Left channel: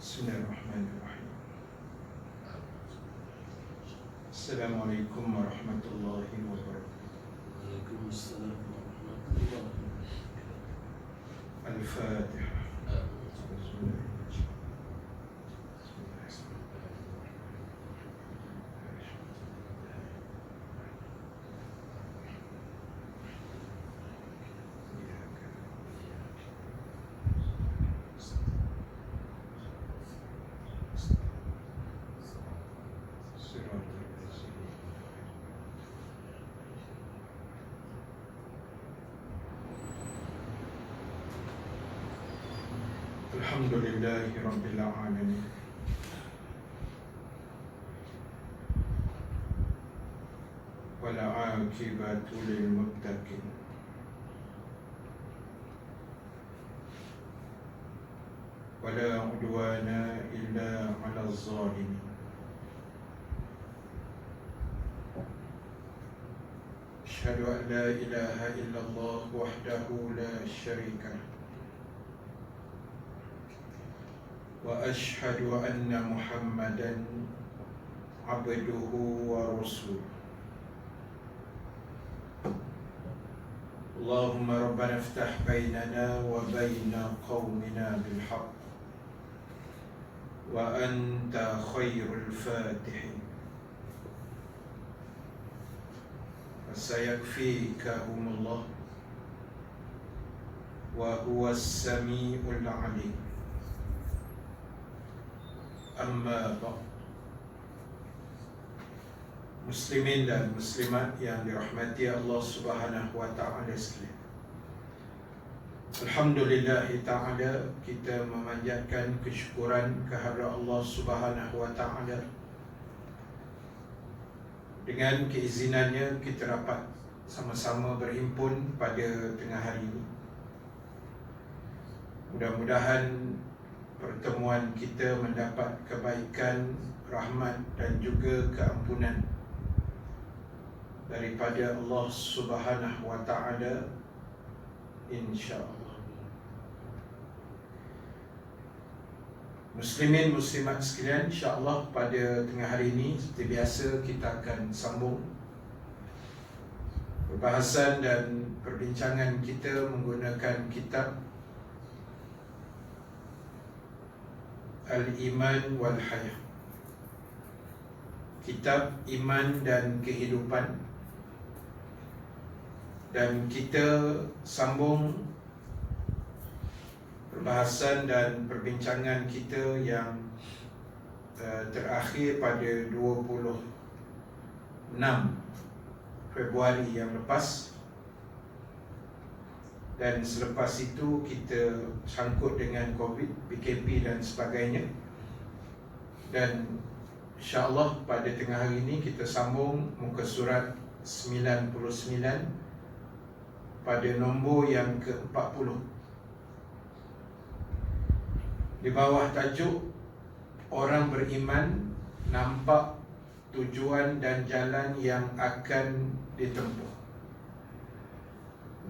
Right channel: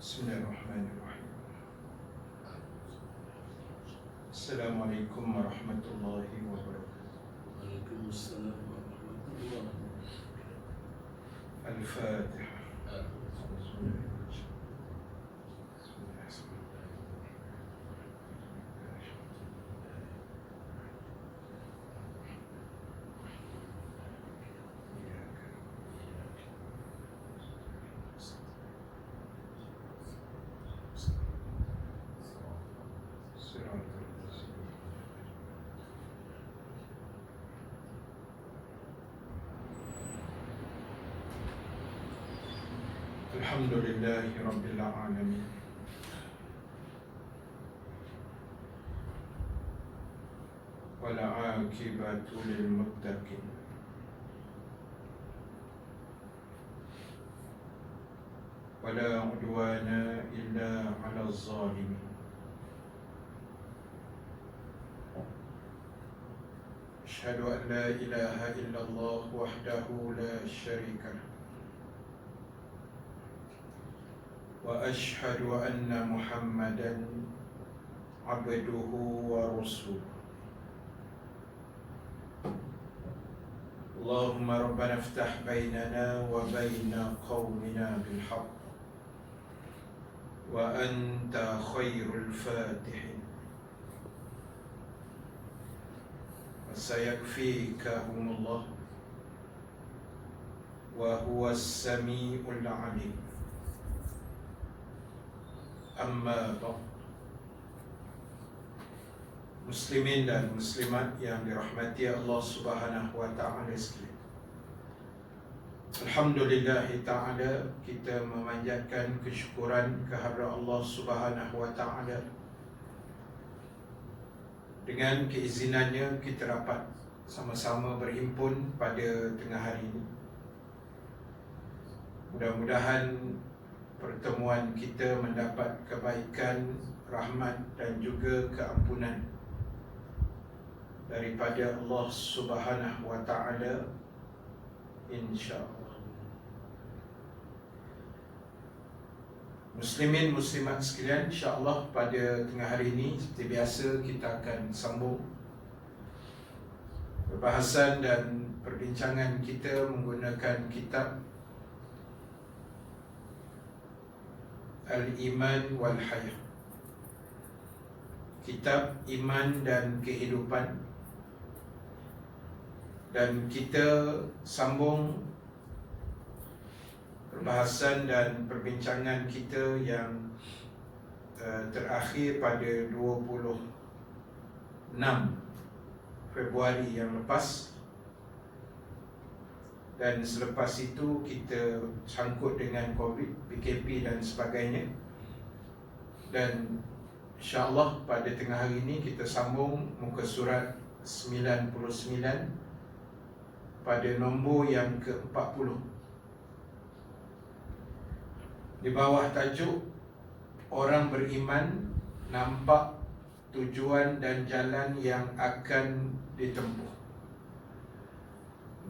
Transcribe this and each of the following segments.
Bismillahirrahmanirrahim. Assalamualaikum warahmatullahi wabarakatuh. Waalaikumsalam warahmatullahi wabarakatuh. Al-Fatihah. Alhamdulillahi Rabbil Alamin. Wala aqibatu lil muttaqin. Wala udwana illa 'alal zalimin. Asyhadu an la ilaha illallah wahdahu la syarika lah. Wa ashhadu anna Muhammadan abduhu wa rasuluh. Allahumma rabbana iftah bainana wa baina qaumina bil haqq wa anta khairul fatihin. Sayakfikahumullah wa huwas samiul alim. Amma ba'd. Muslimin dan muslimat yang dirahmati Allah Subhanahu wa taala sekalian. Alhamdulillah taala, kita memanjatkan kesyukuran kehadrat Allah Subhanahu wa taala. Dengan keizinannya kita dapat sama-sama berhimpun pada tengah hari ini. Mudah-mudahan pertemuan kita mendapat kebaikan, rahmat dan juga keampunan daripada Allah Subhanahu wa taala, insya-Allah. Muslimin muslimat sekalian, insya-Allah pada tengah hari ini seperti biasa kita akan sambung perbahasan dan perbincangan kita menggunakan kitab Al-Iman wal Hayah, kitab Iman dan Kehidupan, dan kita sambung perbahasan dan perbincangan kita yang terakhir pada 26 Februari yang lepas, dan selepas itu kita sangkut dengan COVID, PKP dan sebagainya. Dan insya-Allah pada tengah hari ini kita sambung muka surat 99 pada nombor yang ke-40 di bawah tajuk orang beriman nampak tujuan dan jalan yang akan ditempuh.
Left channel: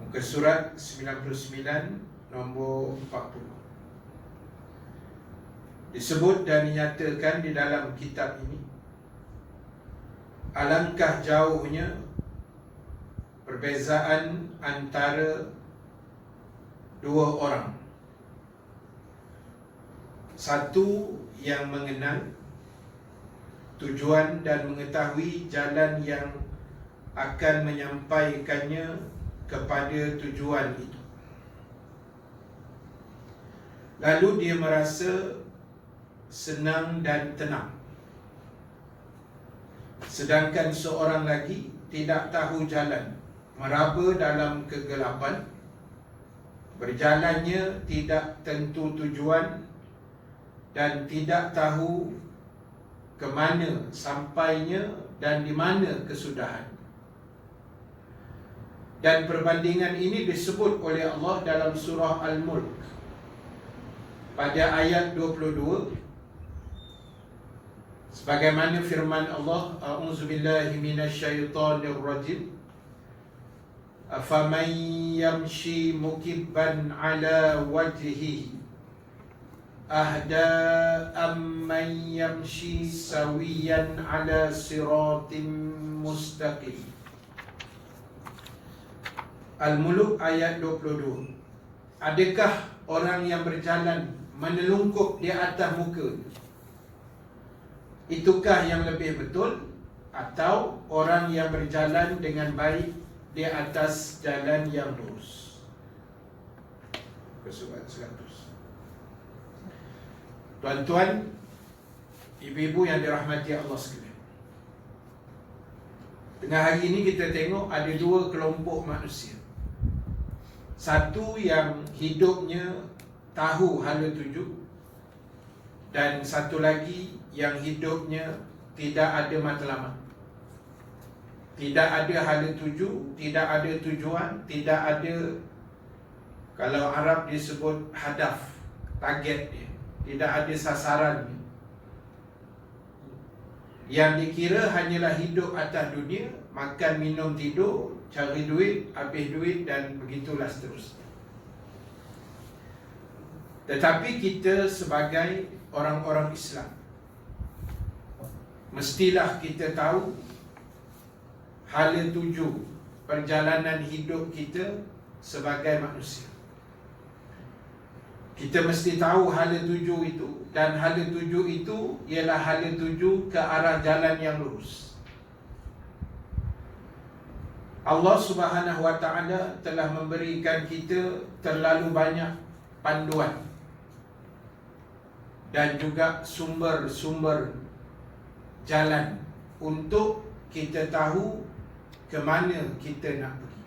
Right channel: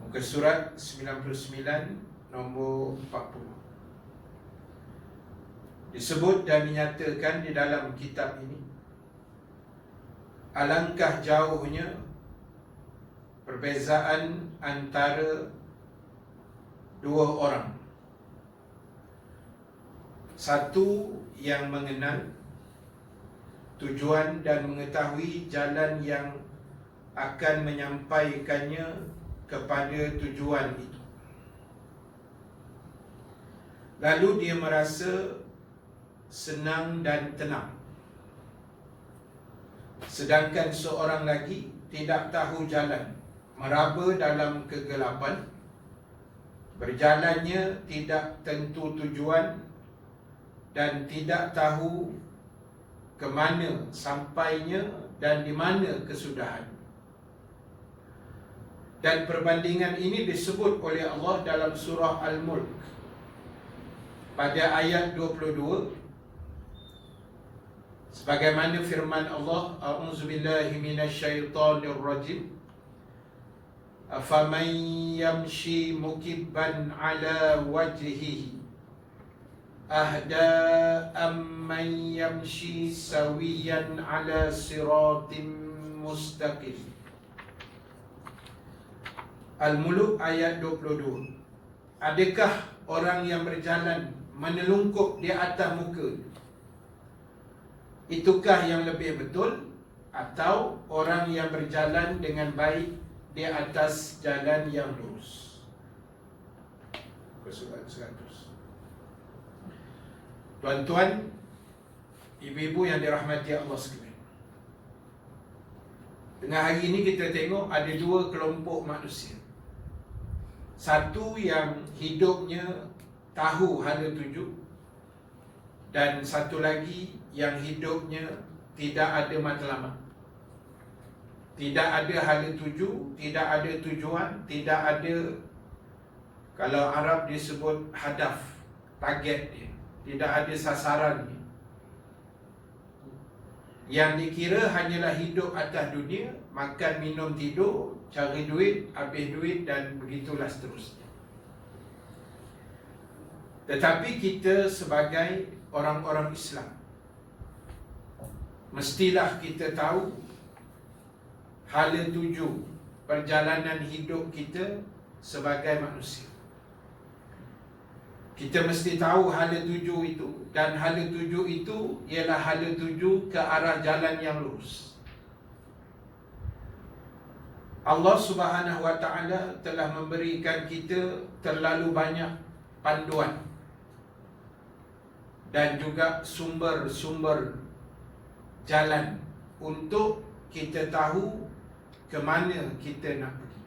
Muka surat 99 nombor 40. Disebut dan dinyatakan di dalam kitab ini, alangkah jauhnya perbezaan antara dua orang. Satu yang mengenal tujuan dan mengetahui jalan yang akan menyampaikannya kepada tujuan itu. Lalu dia merasa senang dan tenang. Sedangkan seorang lagi tidak tahu jalan, meraba dalam kegelapan, berjalannya tidak tentu tujuan dan tidak tahu ke mana sampainya dan di mana kesudahan. Dan perbandingan ini disebut oleh Allah dalam surah Al-Mulk pada ayat 22, sebagaimana firman Allah, a'udzubillahi minasyaitonir rajim, afaman yamshi mukibban ala wajhihi ahda amman yamshi sawiyan ala siratim mustaqim. Al-Muluk ayat 22. Adakah orang yang berjalan menelungkup di atas muka, itukah yang lebih betul, atau orang yang berjalan dengan baik di atas jalan yang lurus? Surat 100. Tuan-tuan, ibu-ibu yang dirahmati Allah sekalian, tengah hari ini kita tengok ada dua kelompok manusia. Satu yang hidupnya tahu hala tuju, dan satu lagi yang hidupnya tidak ada matlamat, tidak ada hala tuju, tidak ada tujuan, tidak ada, kalau Arab disebut hadaf, target dia, tidak ada sasaran dia. Yang dikira hanyalah hidup atas dunia, makan, minum, tidur, cari duit, habis duit, dan begitulah seterusnya. Tetapi kita sebagai orang-orang Islam, mestilah kita tahu hala tuju perjalanan hidup kita sebagai manusia. Kita mesti tahu hala tuju itu, dan hala tuju itu ialah hala tuju ke arah jalan yang lurus. Allah Subhanahu wa ta'ala telah memberikan kita terlalu banyak panduan dan juga sumber-sumber jalan untuk kita tahu ke mana kita nak pergi.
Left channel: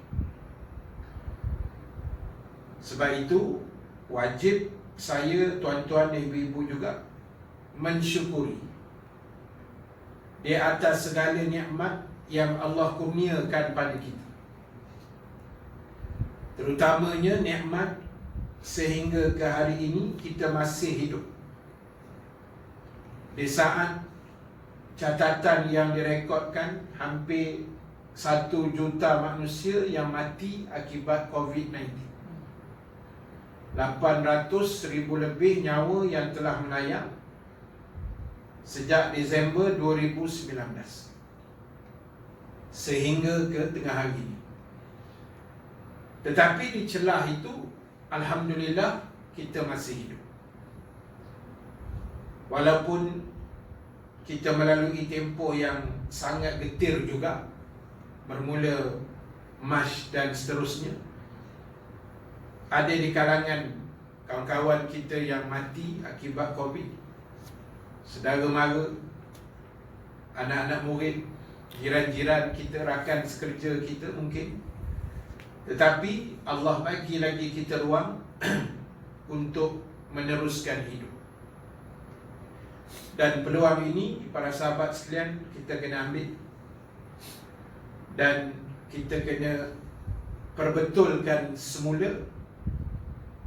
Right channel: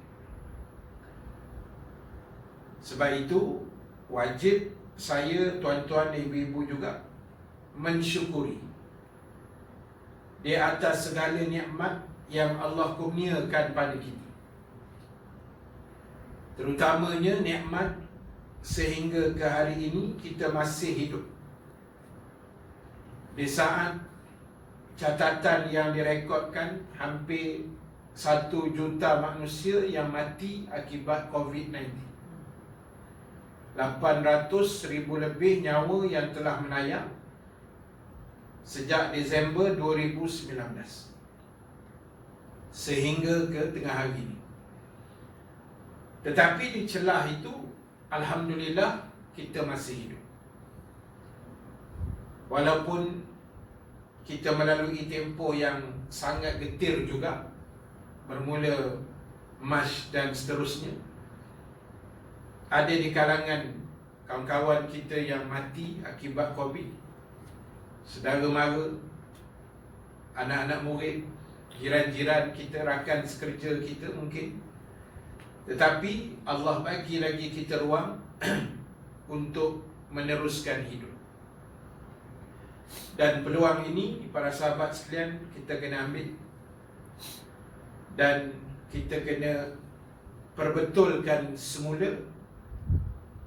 Sebab itu wajib saya, tuan-tuan dan ibu-ibu juga mensyukuri di atas segala nikmat yang Allah kurniakan pada kita, terutamanya nikmat sehingga ke hari ini kita masih hidup. Di saat catatan yang direkodkan hampir 1 juta manusia yang mati akibat COVID-19, 800,000 lebih nyawa yang telah melayang sejak Disember 2019 sehingga ke tengah hari ini. Tetapi di celah itu, alhamdulillah, kita masih hidup. Walaupun kita melalui tempoh yang sangat getir juga, bermula Mac dan seterusnya. Ada di kalangan kawan-kawan kita yang mati akibat COVID, saudara mara, anak-anak murid, jiran-jiran kita, rakan sekerja kita mungkin. Tetapi Allah bagi lagi kita ruang untuk meneruskan hidup. Dan peluang ini, para sahabat sekalian, kita kena ambil, dan kita kena perbetulkan semula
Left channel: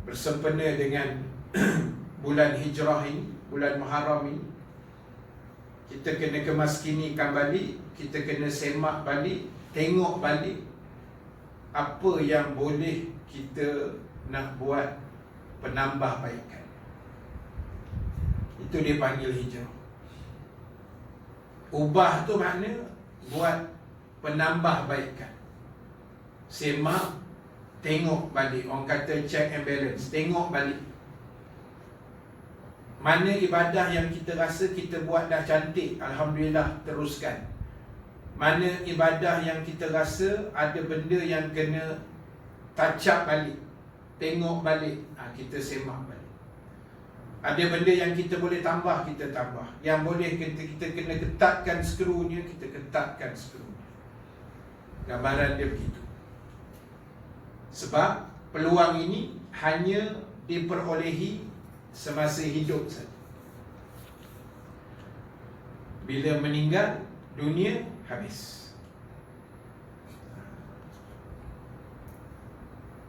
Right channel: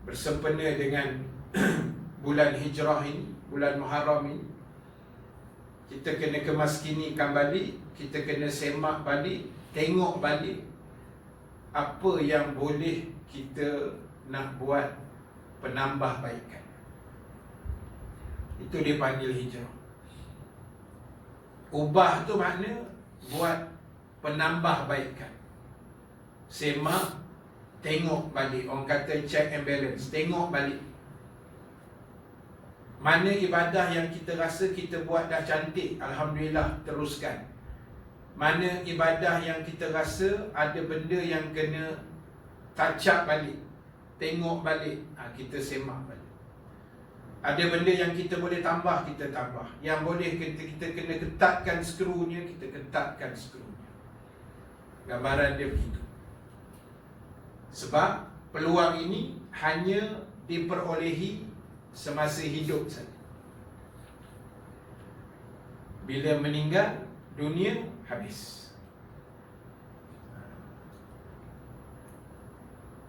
bersempena dengan bulan Hijrah ini, bulan Muharram ini. Kita kena kemaskinikan balik, kita kena semak balik, tengok balik apa yang boleh kita nak buat penambahbaikan. Itu dipanggil hijrah. Ubah tu makna buat penambahbaikan. Semak, tengok balik. Orang kata check and balance, tengok balik. Mana ibadah yang kita rasa kita buat dah cantik, alhamdulillah, teruskan. Mana ibadah yang kita rasa ada benda yang kena touch up balik, tengok balik, kita semak balik. Ada benda yang kita boleh tambah, kita tambah. Yang boleh kita kena ketatkan skrunya, kita ketatkan skrunya. Gambaran dia begitu. Sebab peluang ini hanya diperolehi semasa hidup saja. Bila meninggal, dunia habis.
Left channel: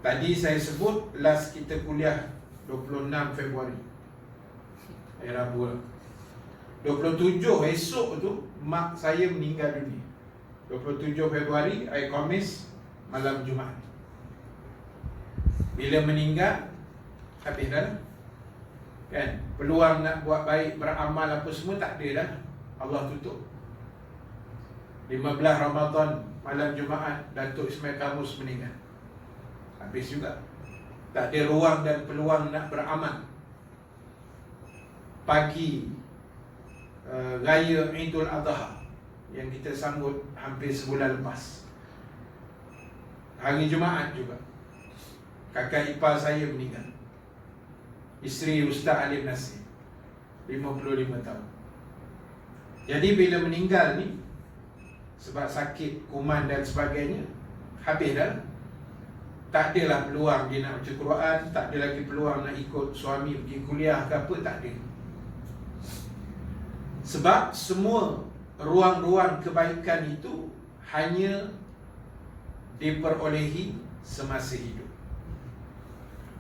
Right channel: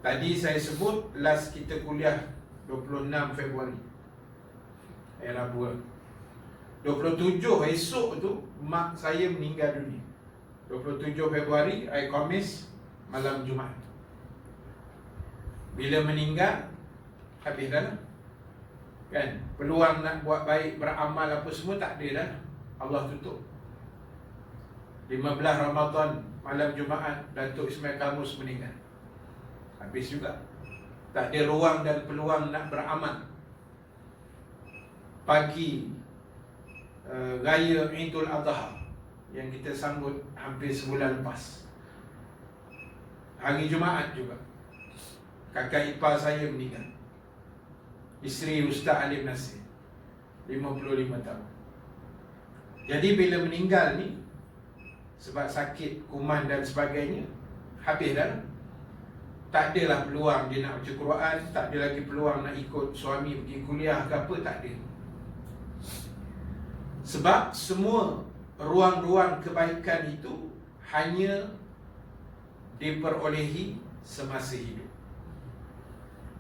Tadi saya sebut last kita kuliah 26 Februari, hari Rabu lah. 27 esok tu mak saya meninggal dunia. 27 Februari hari Khamis, malam Jumaat. Bila meninggal, habis dah lah. Kan, peluang nak buat baik, beramal apa semua tak ada dah. Allah tutup. 15 Ramadan malam Jumaat Datuk Ismail Kamus meninggal. Habis juga. Tak ada ruang dan peluang nak beramal. Pagi Raya Idul Adha yang kita sambut hampir sebulan lepas, hari Jumaat juga kakak ipar saya meninggal, isteri Ustaz Alim Nasir, 55 tahun. Jadi bila meninggal ni sebab sakit, kuman dan sebagainya, habis dah. Tak adalah peluang dia nak baca Quran, tak ada lagi peluang nak ikut suami pergi kuliah ke apa, tak ada. Sebab semua ruang-ruang kebaikan itu hanya diperolehi semasa hidup.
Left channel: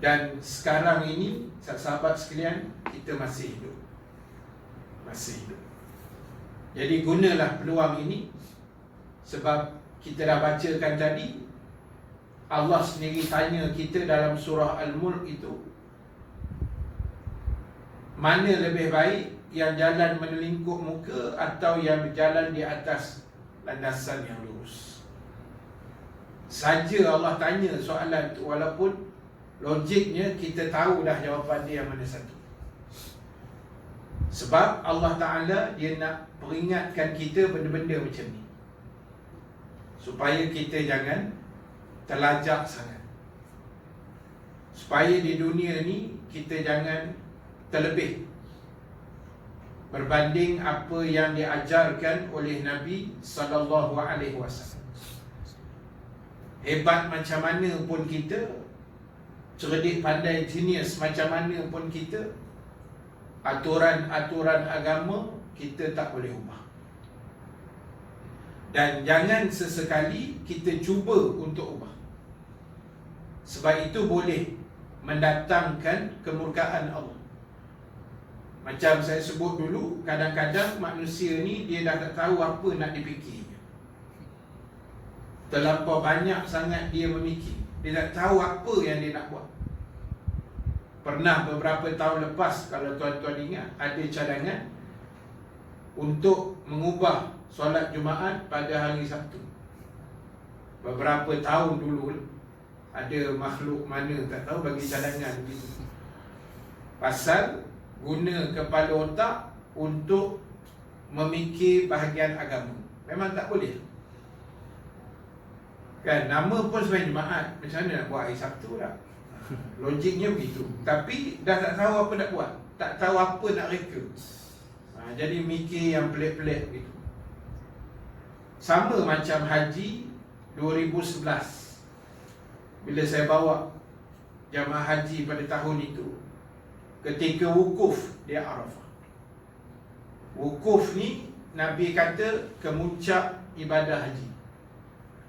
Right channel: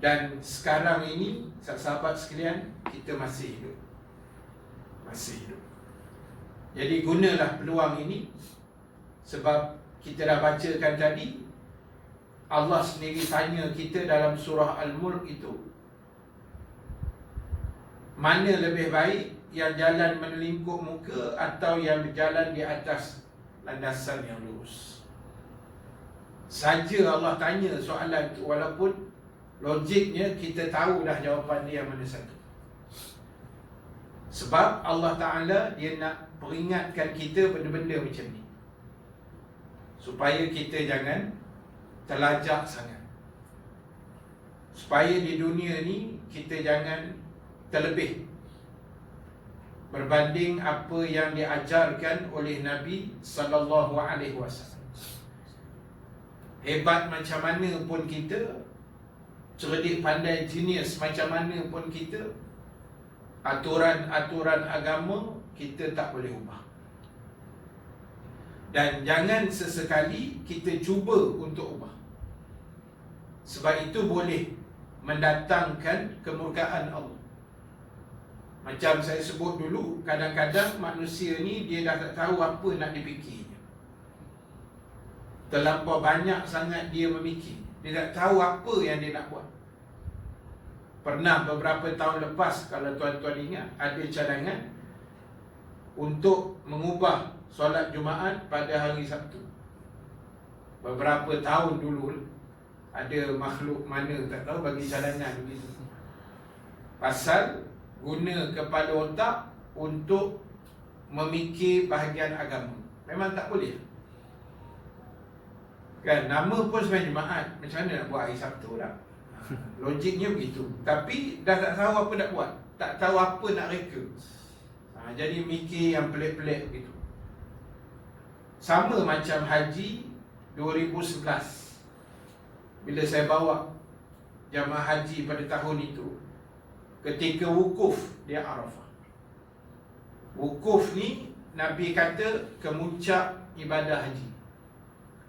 Dan sekarang ini, sahabat sekalian, kita masih hidup. Masih hidup. Jadi gunalah peluang ini. Sebab kita dah bacakan tadi, Allah sendiri tanya kita dalam surah Al-Mulk itu, mana lebih baik, yang jalan menelingkup muka atau yang berjalan di atas landasan yang lurus? Saja Allah tanya soalan itu, walaupun logiknya kita tahu dah jawapan dia yang mana satu. Sebab Allah Ta'ala dia nak peringatkan kita benda-benda macam ni, supaya kita jangan terlajak sangat, supaya di dunia ni kita jangan terlebih berbanding apa yang diajarkan oleh Nabi SAW. Hebat macam mana pun kita, cerdik pandai jenius macam mana pun kita, aturan-aturan agama kita tak boleh ubah. Dan jangan sesekali kita cuba untuk ubah, sebab itu boleh mendatangkan kemurkaan Allah. Macam saya sebut dulu, kadang-kadang manusia ni dia dah tak tahu apa nak dipikirnya. Terlampau banyak sangat dia memikir, dia tak tahu apa yang dia nak buat. Pernah beberapa tahun lepas, kalau tuan-tuan ingat, ada cadangan untuk mengubah solat Jumaat pada hari Sabtu. Beberapa tahun dulu, ada makhluk mana tak tahu bagi cadangan begitu, pasal guna kepala otak untuk memikir bahagian agama. Memang tak boleh. Kan, nama pun sebenarnya Jumaat, macam mana nak buat hari Sabtu lah? Logiknya begitu. Tapi dah tak tahu apa nak buat, tak tahu apa nak reka. Jadi mikir yang pelik-pelik begitu. Sama macam haji 2011, bila saya bawa jamaah haji pada tahun itu, ketika wukuf di Arafah. Wukuf ni Nabi kata kemuncak ibadah haji,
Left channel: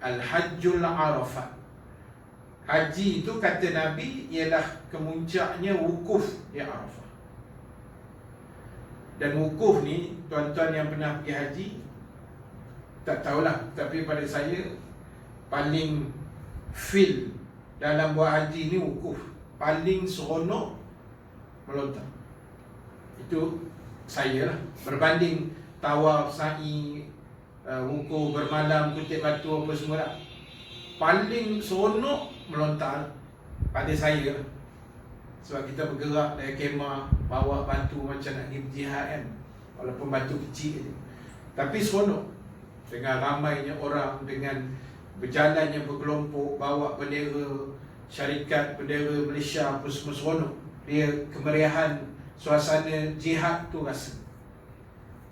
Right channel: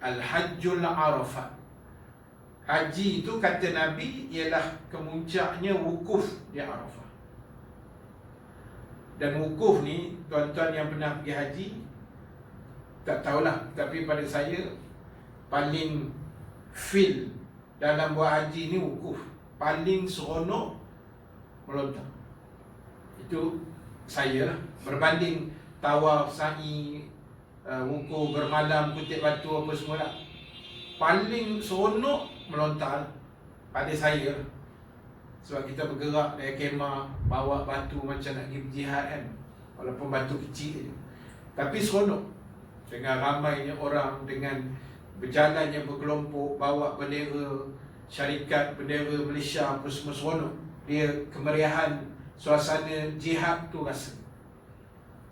Al-Hajjul Arafah. Haji itu kata Nabi ialah kemuncaknya wukuf di Arafah. Dan wukuf ni, tuan-tuan yang pernah pergi haji tak tahulah, tapi pada saya paling feel dalam buat haji ni wukuf. Paling seronok melontar. Itu saya lah. Berbanding tawaf, sa'i, wukuf, bermalam, kutip batu apa semua lah, paling seronok melontar pada saya lah. Sebab kita bergerak dari kemah, bawa batu macam nak pergi berjihad kan, walaupun batu kecil je, tapi seronok. Dengan ramainya orang, dengan berjalannya berkelompok, bawa bendera syarikat, bendera Malaysia apa semua, seronok. Dia kemeriahan, suasana jihad tu rasa.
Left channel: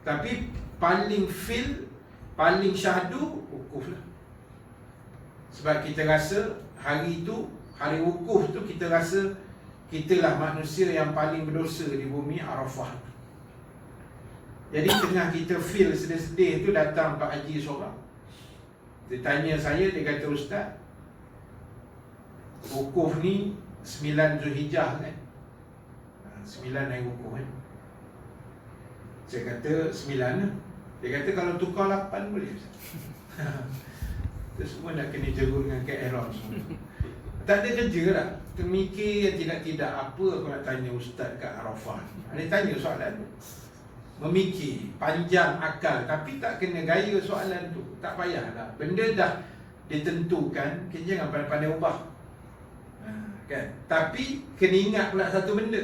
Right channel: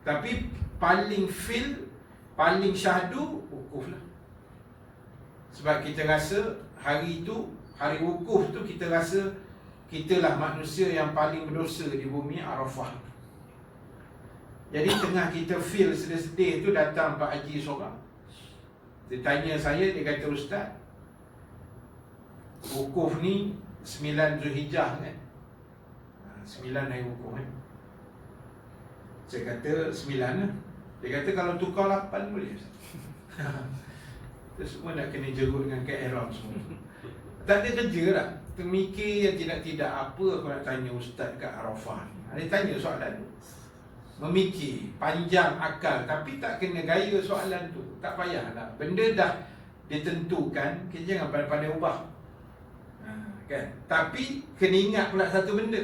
Tapi paling feel, paling syahdu wukuf lah. Sebab kita rasa hari itu, hari wukuf tu, kita rasa kitalah manusia yang paling berdosa di bumi Arafah itu. Jadi tengah kita feel sedih-sedih tu, datang Pak Haji seorang. Dia tanya saya, dia kata, Ustaz, wukuf ni 9 Zulhijjah kan? 9 hari wukuf kan? Saya kata 9 lah. Dia kata kalau tukar 8 boleh Ustaz. Kita semua nak kena jerut dengan KL semua. Tak ada kerja lah. termikir tidak apa aku nak tanya ustaz kat Arafah. Dia tanya soalan tu, memikir panjang akal, tapi tak kena gaya soalan tu. Tak payahlah, benda dah ditentukan, kita jangan pandai-pandai ubah, kan? Tapi kena ingat pula satu benda,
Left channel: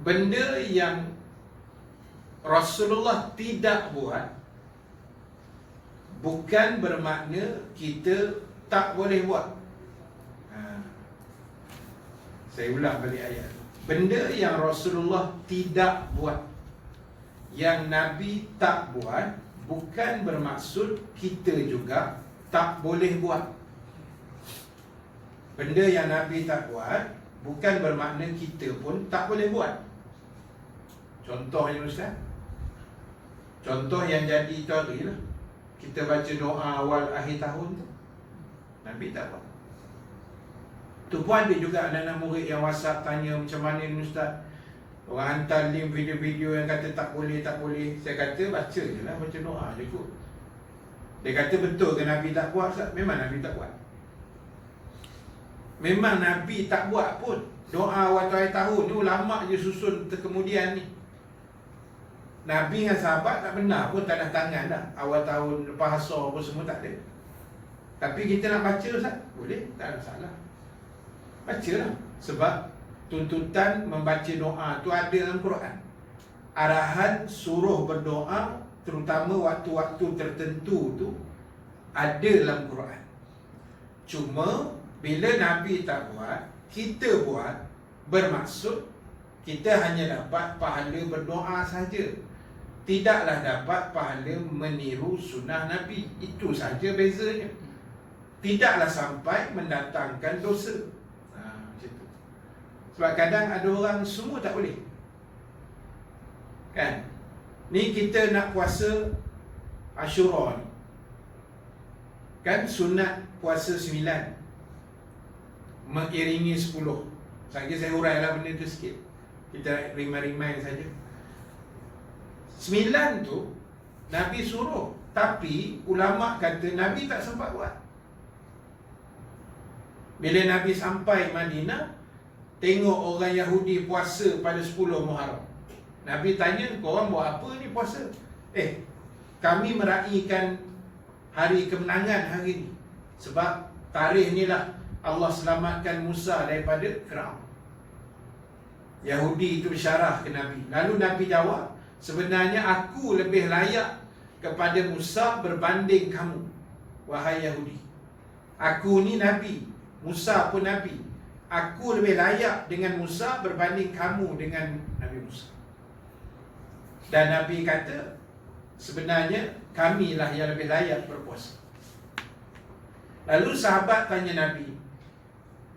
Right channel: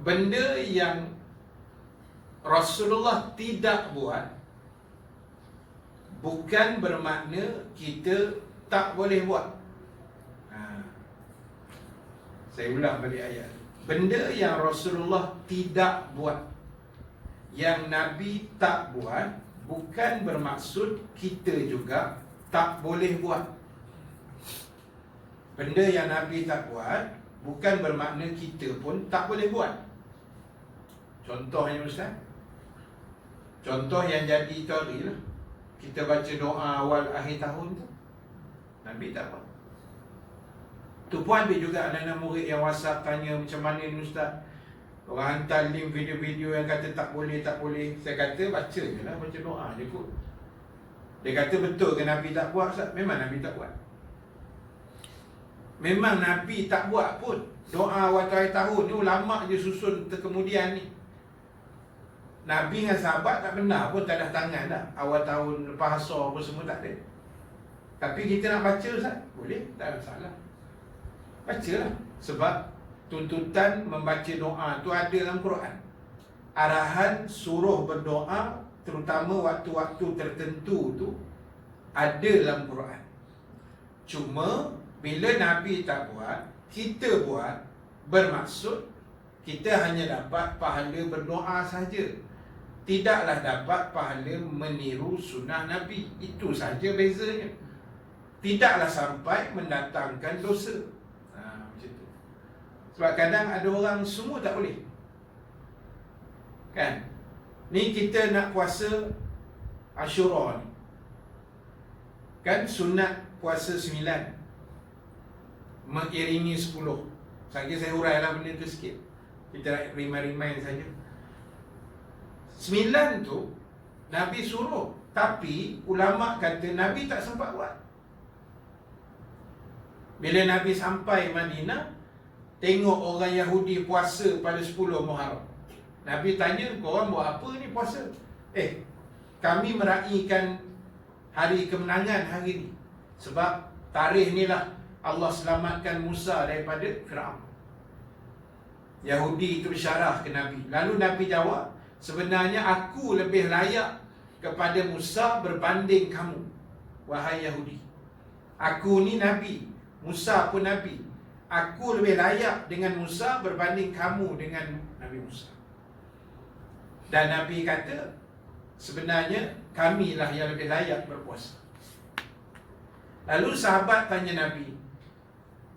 benda yang Rasulullah tidak buat bukan bermakna kita tak boleh buat. Saya ulang balik ayat tu. Benda yang Rasulullah tidak buat, yang Nabi tak buat, bukan bermaksud kita juga tak boleh buat. Benda yang Nabi tak buat bukan bermakna kita pun tak boleh buat. Contohnya Ustaz, contoh yang jadi itu hari lah, kita baca doa awal akhir tahun tu, Nabi tak buat. Tu pun ada juga anak-anak murid yang WhatsApp tanya macam mana ni Ustaz. Orang hantar link video-video yang kata tak boleh, tak boleh. Saya kata baca je lah, baca doa je kot. Dia kata betul ke Nabi tak buat Ustaz? Memang Nabi tak buat. Memang Nabi tak buat pun. Doa waktu akhir tahun ni ulama' je susun kemudian ni. Nabi dengan sahabat tak benar pun tak ada tangan dah. Awal tahun lepas asar pun semua tak ada. Tapi kita nak baca Ustaz? Boleh, tak ada masalah. Bacalah. Sebab tuntutan membaca doa tu ada dalam Quran. Arahan suruh berdoa, terutama waktu-waktu tertentu tu, ada dalam Quran. Cuma bila Nabi tak buat, kita buat, bermaksud kita hanya dapat pahala berdoa saja, tidaklah dapat pahala meniru sunnah Nabi. Itu saja bezanya. Tidaklah sampai mendatangkan dosa. Macam tu. Sebab kadang ada orang semua tak boleh, kan? Ni kita nak puasa Ashura ni, kan sunat puasa 9 mengiringi 10. Saja saya urailah benda tu sikit, kita rimai-rimai saja. 9 tu Nabi suruh, tapi ulama' kata Nabi tak sempat buat. Bila Nabi sampai Madinah, tengok orang Yahudi puasa pada 10 Muharram. Nabi tanya, korang buat apa ni puasa? Kami meraihkan hari kemenangan hari ni. Sebab tarikh ni lah Allah selamatkan Musa daripada Firaun. Yahudi itu bersyarah ke Nabi. Lalu Nabi jawab, sebenarnya aku lebih layak kepada Musa berbanding kamu, wahai Yahudi. Aku ni Nabi, Musa pun Nabi. Aku lebih layak dengan Musa berbanding kamu dengan Nabi Musa. Dan Nabi kata, sebenarnya kamilah yang lebih layak berpuasa. Lalu sahabat tanya Nabi,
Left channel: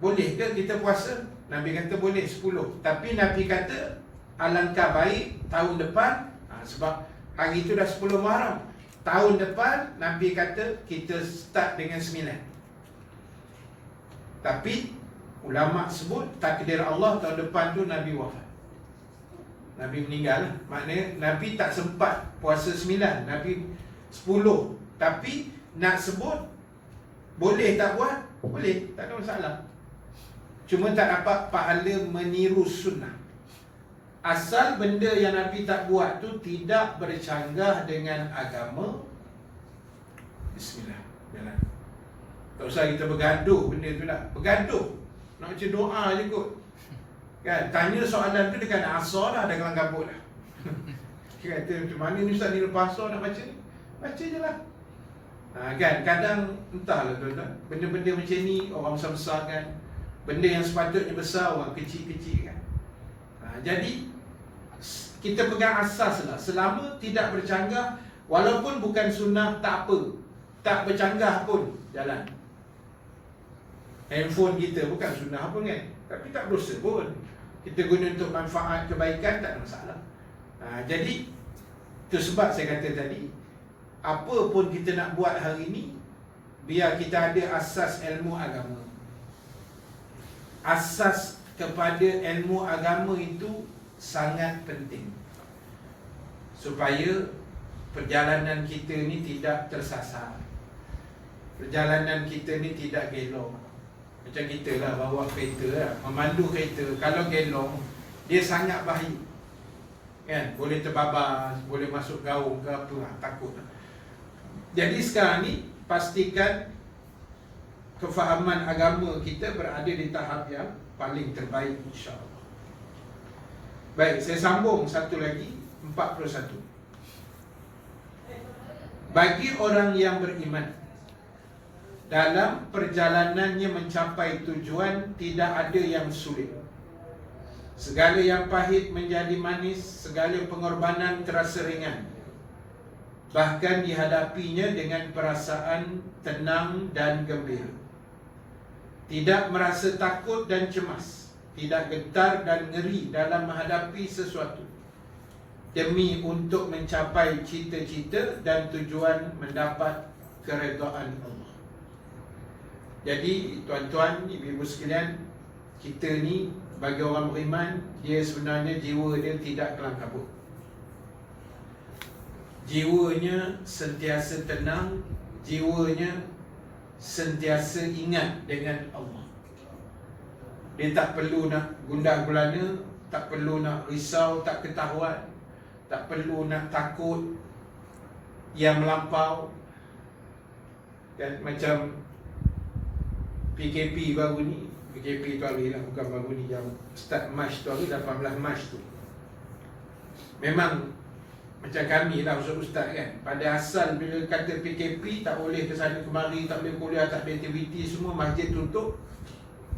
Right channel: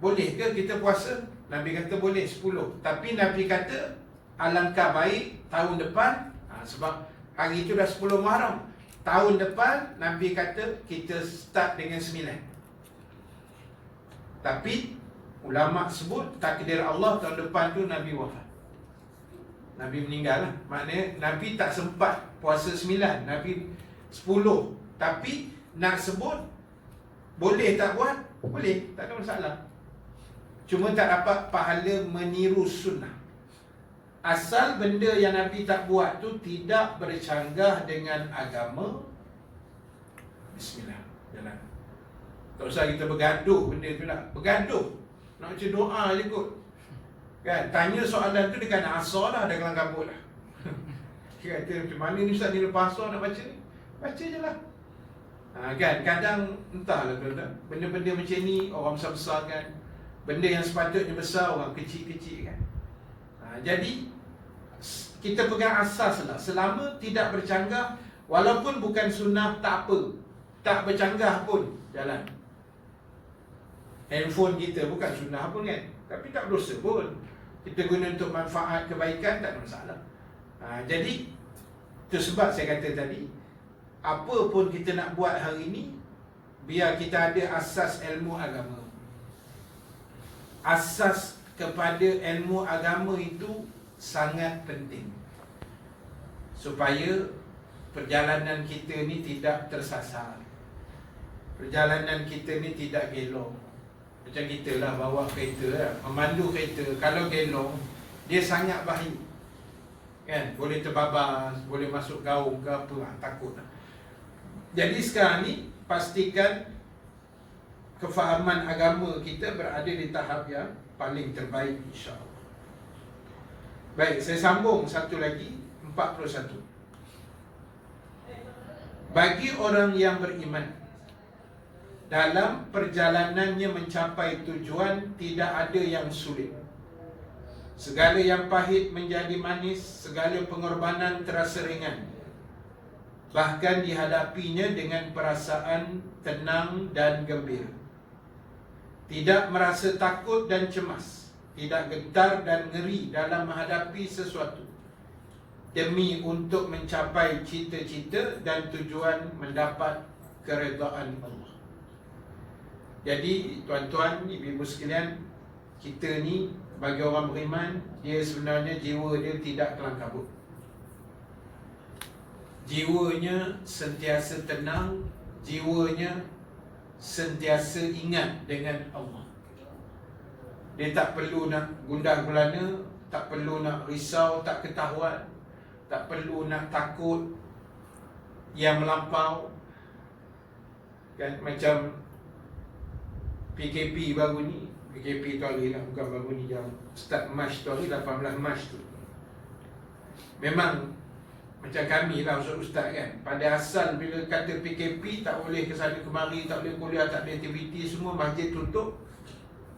boleh ke kita puasa? Nabi kata boleh 10. Tapi Nabi kata alangkah baik tahun depan, sebab hari itu dah 10 Muharram. Tahun depan Nabi kata kita start dengan 9. Tapi ulama' sebut takdir Allah tahun depan tu Nabi wafat, Nabi meninggal lah. Maknanya Nabi tak sempat puasa 9, Nabi 10. Tapi nak sebut boleh tak buat? Boleh, tak ada masalah. Cuma tak dapat pahala meniru sunnah. Asal benda yang Nabi tak buat tu tidak bercanggah dengan agama, bismillah, jalan. Tak usah kita bergaduh benda tu lah. Bergaduh, nak baca doa je kot, kan? Tanya soalan tu dekat asar dah, dah kelang kabut dah. Dia kata macam mana ni Ustaz ni lepas asar nak baca ni? Baca je lah. Kan, kadang entahlah tuan-tuan, benda-benda macam ni orang besar-besar kan, benda yang sepatutnya besar orang kecil-kecil kan. Jadi kita pegang asas lah, selama tidak bercanggah, walaupun bukan sunnah tak apa, tak bercanggah pun jalan. Handphone kita bukan sunnah pun kan, tapi tak berdosa pun, kita guna untuk manfaat kebaikan, tak ada masalah. Jadi itu sebab saya kata tadi, apa pun kita nak buat hari ini, biar kita ada asas ilmu agama. Asas kepada ilmu agama itu sangat penting, supaya perjalanan kita ni tidak tersasar, perjalanan kita ni tidak gelong. Macam kita lah bawa kereta lah, memandu kereta, kalau gelong dia sangat bahaya kan, boleh terbabas, boleh masuk gaung ke apa lah, takut lah. Jadi sekarang ni pastikan kefahaman agama kita berada di tahap yang paling terbaik, insya-Allah. Baik, saya sambung satu lagi, 41. Bagi orang yang beriman, dalam perjalanannya mencapai tujuan tidak ada yang sulit. Segala yang pahit menjadi manis, segala pengorbanan terasa ringan. Bahkan dihadapinya dengan perasaan tenang dan gembira. Tidak merasa takut dan cemas, tidak gentar dan ngeri dalam menghadapi sesuatu, demi untuk mencapai cita-cita dan tujuan mendapat keredaan Allah. Jadi tuan-tuan, ibu-ibu sekalian, kita ni bagi orang beriman, dia sebenarnya jiwa dia tidak kelam kabut. Jiwanya sentiasa tenang, jiwanya sentiasa ingat dengan Allah. Dia tak perlu nak gundah gulana, tak perlu nak risau, tak ketahuan, tak perlu nak takut yang melampau. Dan macam PKP baru ni, PKP tu hari lah, bukan baru ni, yang start Mac tu hari, 18 Mac tu. Memang macam kami lah ustaz-ustaz kan, pada asal bila kata PKP tak boleh ke sana kemari, tak boleh kuliah, tak ada aktiviti, semua masjid tutup,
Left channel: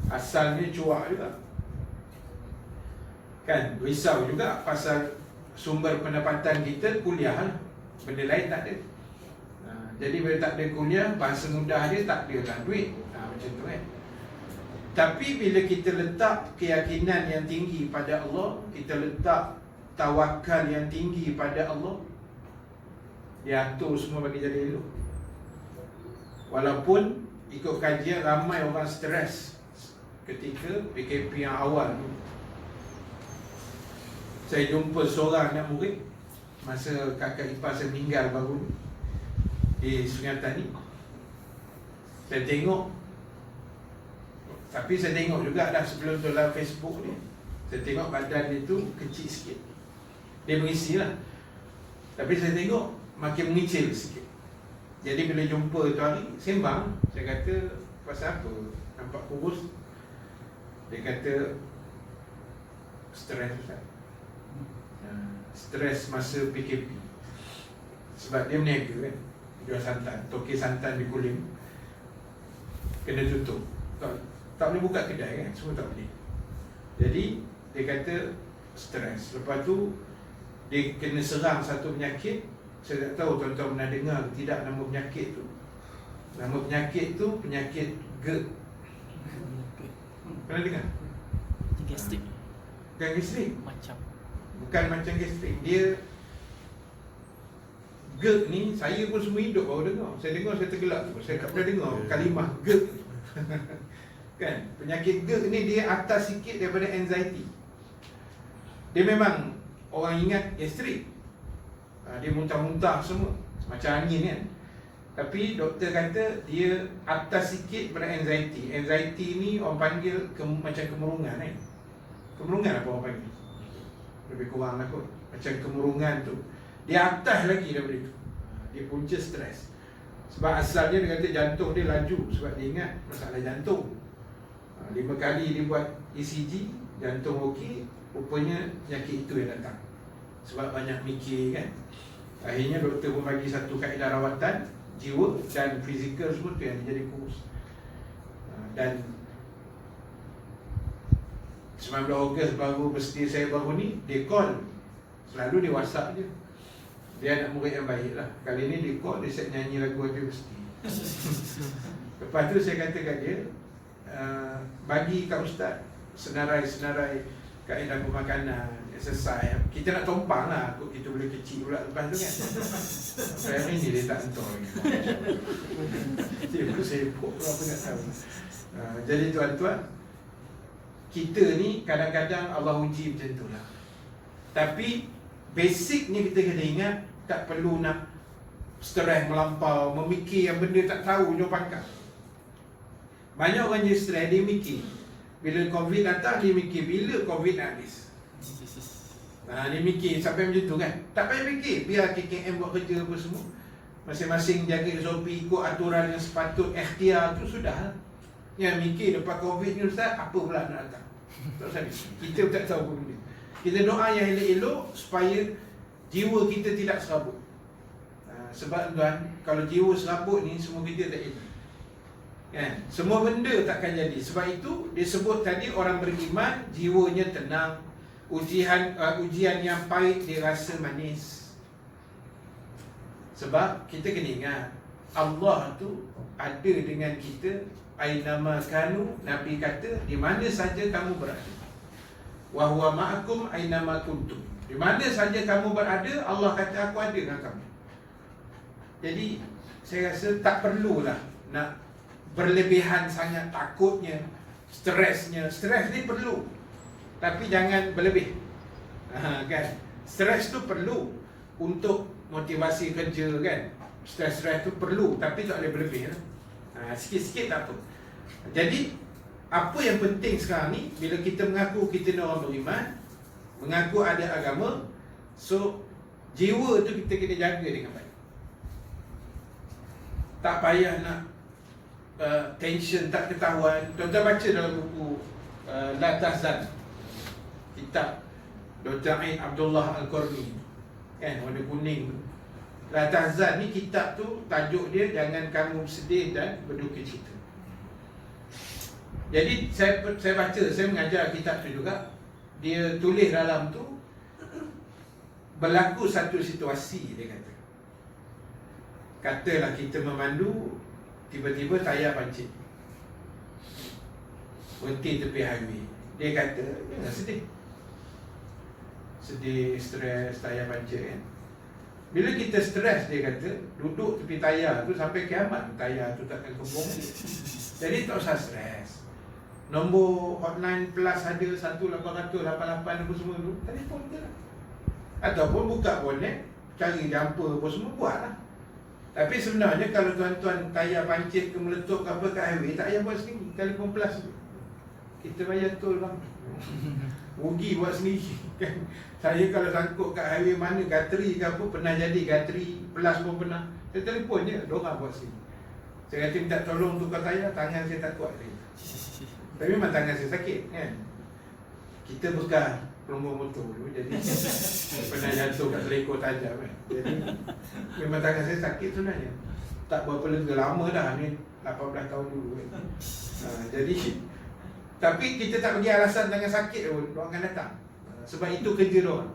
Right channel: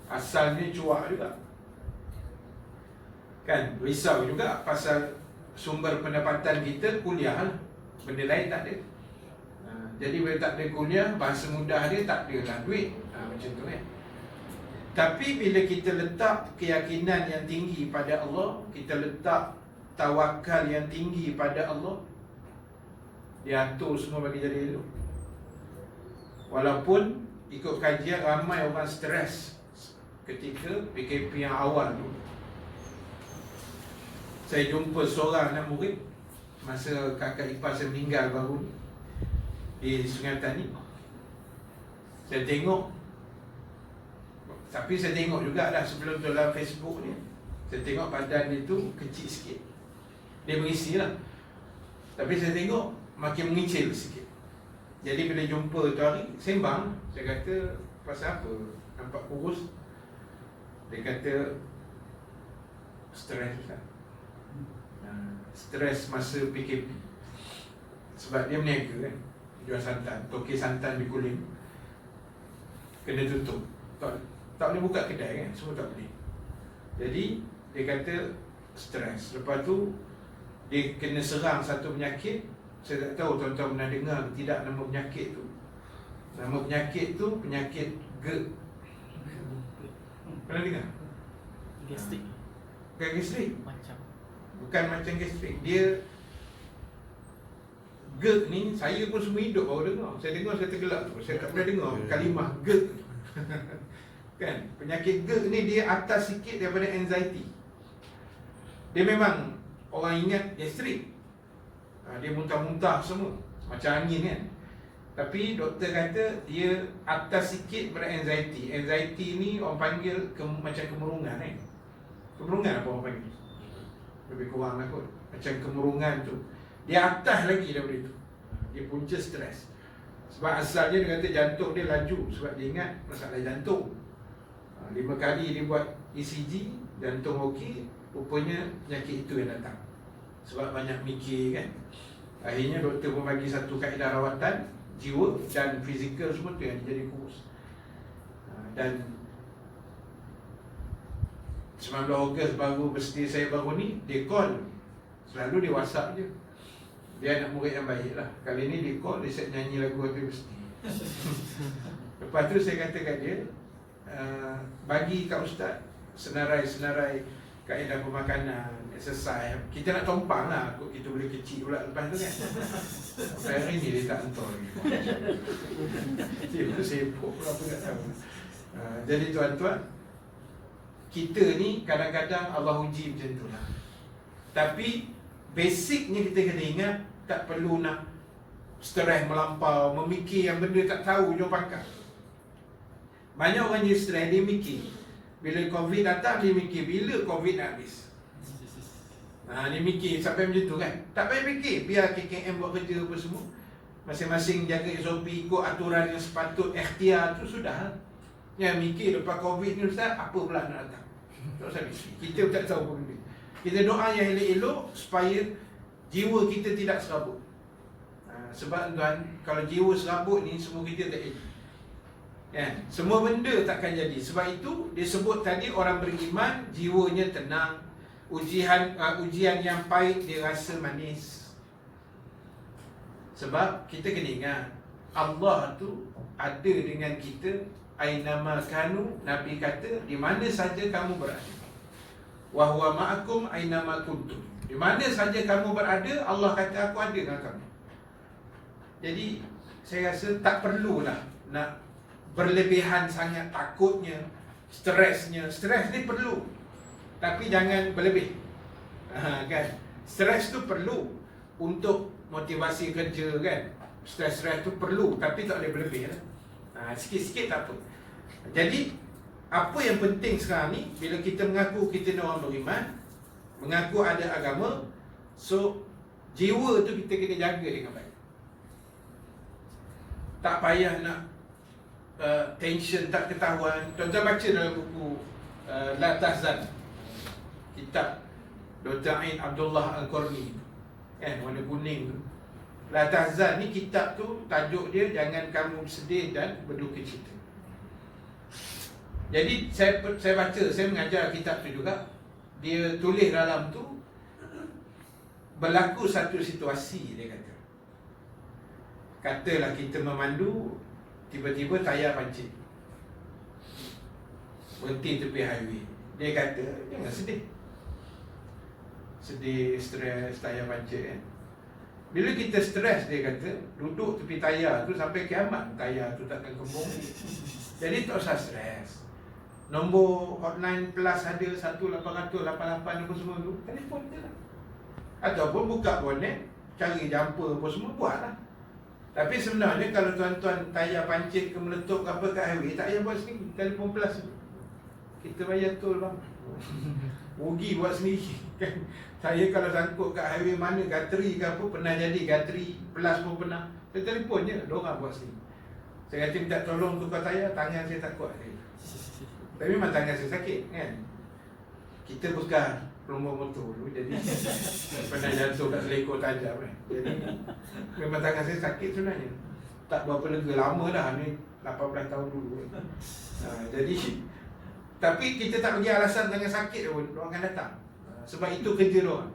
asalnya cuak juga kan, risau juga pasal sumber pendapatan kita kuliah lah, benda lain tak ada. Jadi bila tak ada kuliah, bahasa mudah dia tak ada lah duit, macam tu kan. Tapi bila kita letak keyakinan yang tinggi pada Allah, kita letak tawakal yang tinggi pada Allah, dia atur semua bagi jadi elok. Walaupun ikut kajian ramai orang stres ketika PKP yang awal tu. Saya jumpa seorang anak murid masa kakak ipar saya meninggal baru di Sungai Tani. Saya tengok, tapi saya tengok juga dah sebelum tu dalam Facebook ni, saya tengok badan dia tu kecil sikit. Dia mengisi lah, tapi saya tengok makin mengecil sikit. Jadi bila jumpa tu hari, sembang, saya kata, pasal apa nampak kurus? Dia kata, stres Ustaz. Stres masa PKP. Sebab dia berniaga kan, jual santan, tokey santan di Kulim kena tutup, tak boleh buka kedai kan, semua tak boleh. Jadi dia kata stres. Lepas tu dia kena serang satu penyakit. Saya tak tahu tuan-tuan pernah dengar tidak nama penyakit tu. Nama penyakit tu penyakit GERD. Pernah dengar? Gastrik. Bukan gastrik, bukan macam gastrik. Dia GERD ni, saya pun semua hidup baru dengar. Saya dengar, saya tergelak tu. Saya tak pernah dengar kalimah GERD. Kan, penyakit GERD ni dia atas sikit daripada anxiety. Dia memang orang ingat gastrik, dia muntah-muntah semua, macam angin kan. Tapi doktor kata dia atas sikit daripada anxiety. Anxiety ni orang panggil macam kemurungan kan. Kemurungan apa orang panggil? Lebih kurang lah kot, macam kemurungan tu. Dia atas lagi daripada itu. Dia punca stres. Sebab asalnya dia kata jantung dia laju, sebab dia ingat masalah jantung. 5 kali dia buat ECG, jantung okey, rupanya penyakit itu yang datang. Sebab banyak mikir kan. Akhirnya doktor pun bagi satu kaedah rawatan jiwa dan fizikal semua tu yang jadi kurus. Dan 19 Ogos baru birthday saya baru ni, dia call. Selalu dia WhatsApp je. Dia anak murid yang baik lah. Kali ni dia call, dia set nyanyi lagu happy birthday. Lepas tu saya kata kat dia, bagi Kak Ustaz senarai-senarai kaedah pemakanan, exercise. Kita nak tompang lah, kita boleh kecil pula lepas tu kan. Sampai hari ni dia tak entar lagi. Dia sibuk pula apa nak tahu. Jadi tuan-tuan, kita ni kadang-kadang Allah uji macam tu lah. Tapi basicnya kita kena ingat, tak perlu nak stres melampau, memikir yang benda tak tahu jauh pangkat. Banyak orang jadi stres, dia mikir bila COVID datang, dia mikir bila COVID nak habis. Dia mikir sampai macam tu kan. Tak payah fikir, biar KKM buat kerja apa semua. Masing-masing jaga SOP, ikut aturan yang sepatut, ikhtiar tu sudah lah. Yang mikir lepas COVID ni Ustaz, apa pula nak datang? Tak usah fikir. Kita pun tak tahu apa benda. Kita doa yang elok-elok supaya jiwa kita tidak serabut. Sebab tuan, kalau jiwa serabut ni semua kita tak elok. Kan? Semua benda takkan jadi. Sebab itu disebut tadi orang beriman jiwanya tenang. Ujian yang pahit dia rasa manis. Sebab kita kena ingat Allah tu ada dengan kita ainama kanu. Nabi kata di mana saja kamu berada. Wa huwa ma'akum ainama kuntum. Di mana saja kamu berada, Allah kata aku ada dengan kamu. Jadi saya rasa tak perlulah nak berlebihan sangat takutnya, stresnya. Stres ni perlu, tapi jangan berlebih. Kan? Stres tu perlu untuk motivasi kerja kan. Stres tu perlu, tapi tak boleh berlebih lah. Sikit-sikit tak apa. Jadi apa yang penting sekarang ni, bila kita mengaku kita ni orang beriman, mengaku ada agama, so jiwa tu kita kena jaga dengan baik. Tak payah nak tension tak ketahuan. Tuan-tuan baca dalam buku La Tahzan, kitab Dr. Ain Abdullah Al-Qarni kan, warna kuning tu. La Tahzan ni kitab tu tajuk dia jangan kamu sedih dan berduka cita. Jadi saya baca, saya mengajar kitab tu juga. Dia tulis dalam tu berlaku satu situasi, dia kata. Katalah kita memandu, tiba-tiba tayar pancit, berhenti tepi highway. Dia kata jangan sedih. Sedih, stres, tayar pancit kan. Bila kita stres, dia kata duduk tepi tayar tu sampai kiamat, tayar tu takkan kembung. Jadi tak usah stres. Nombor hotline plus ada 1-800-88 apa semua tu, telefon je lah. Ataupun buka bonet, cari jumper apa semua, buat lah. Tapi sebenarnya kalau tuan-tuan tayar pancit ke meletup ke apa kat highway, tak payah buat sendiri, telefon plus. Kita bayar tol bang. Rugi buat sendiri kan. Saya kalau sangkut kat highway mana, gatri ke apa, pernah jadi gatri, plus pun pernah. Saya telefon je, diorang buat sendiri. Saya kata minta tolong tukar tayar, tangan saya tak kuat saya. Tapi memang tangan saya sakit kan. Kita bekas nombor motor dulu, jadi pernah jatuh kat selekor tajam kan. Jadi memang tangan saya sakit sebenarnya. Tak berapa lega, lama dah ni, 18 tahun dulu kan. Jadi tapi kita tak bagi alasan tangan sakit pun, diorang akan datang. Sebab itu kerja diorang.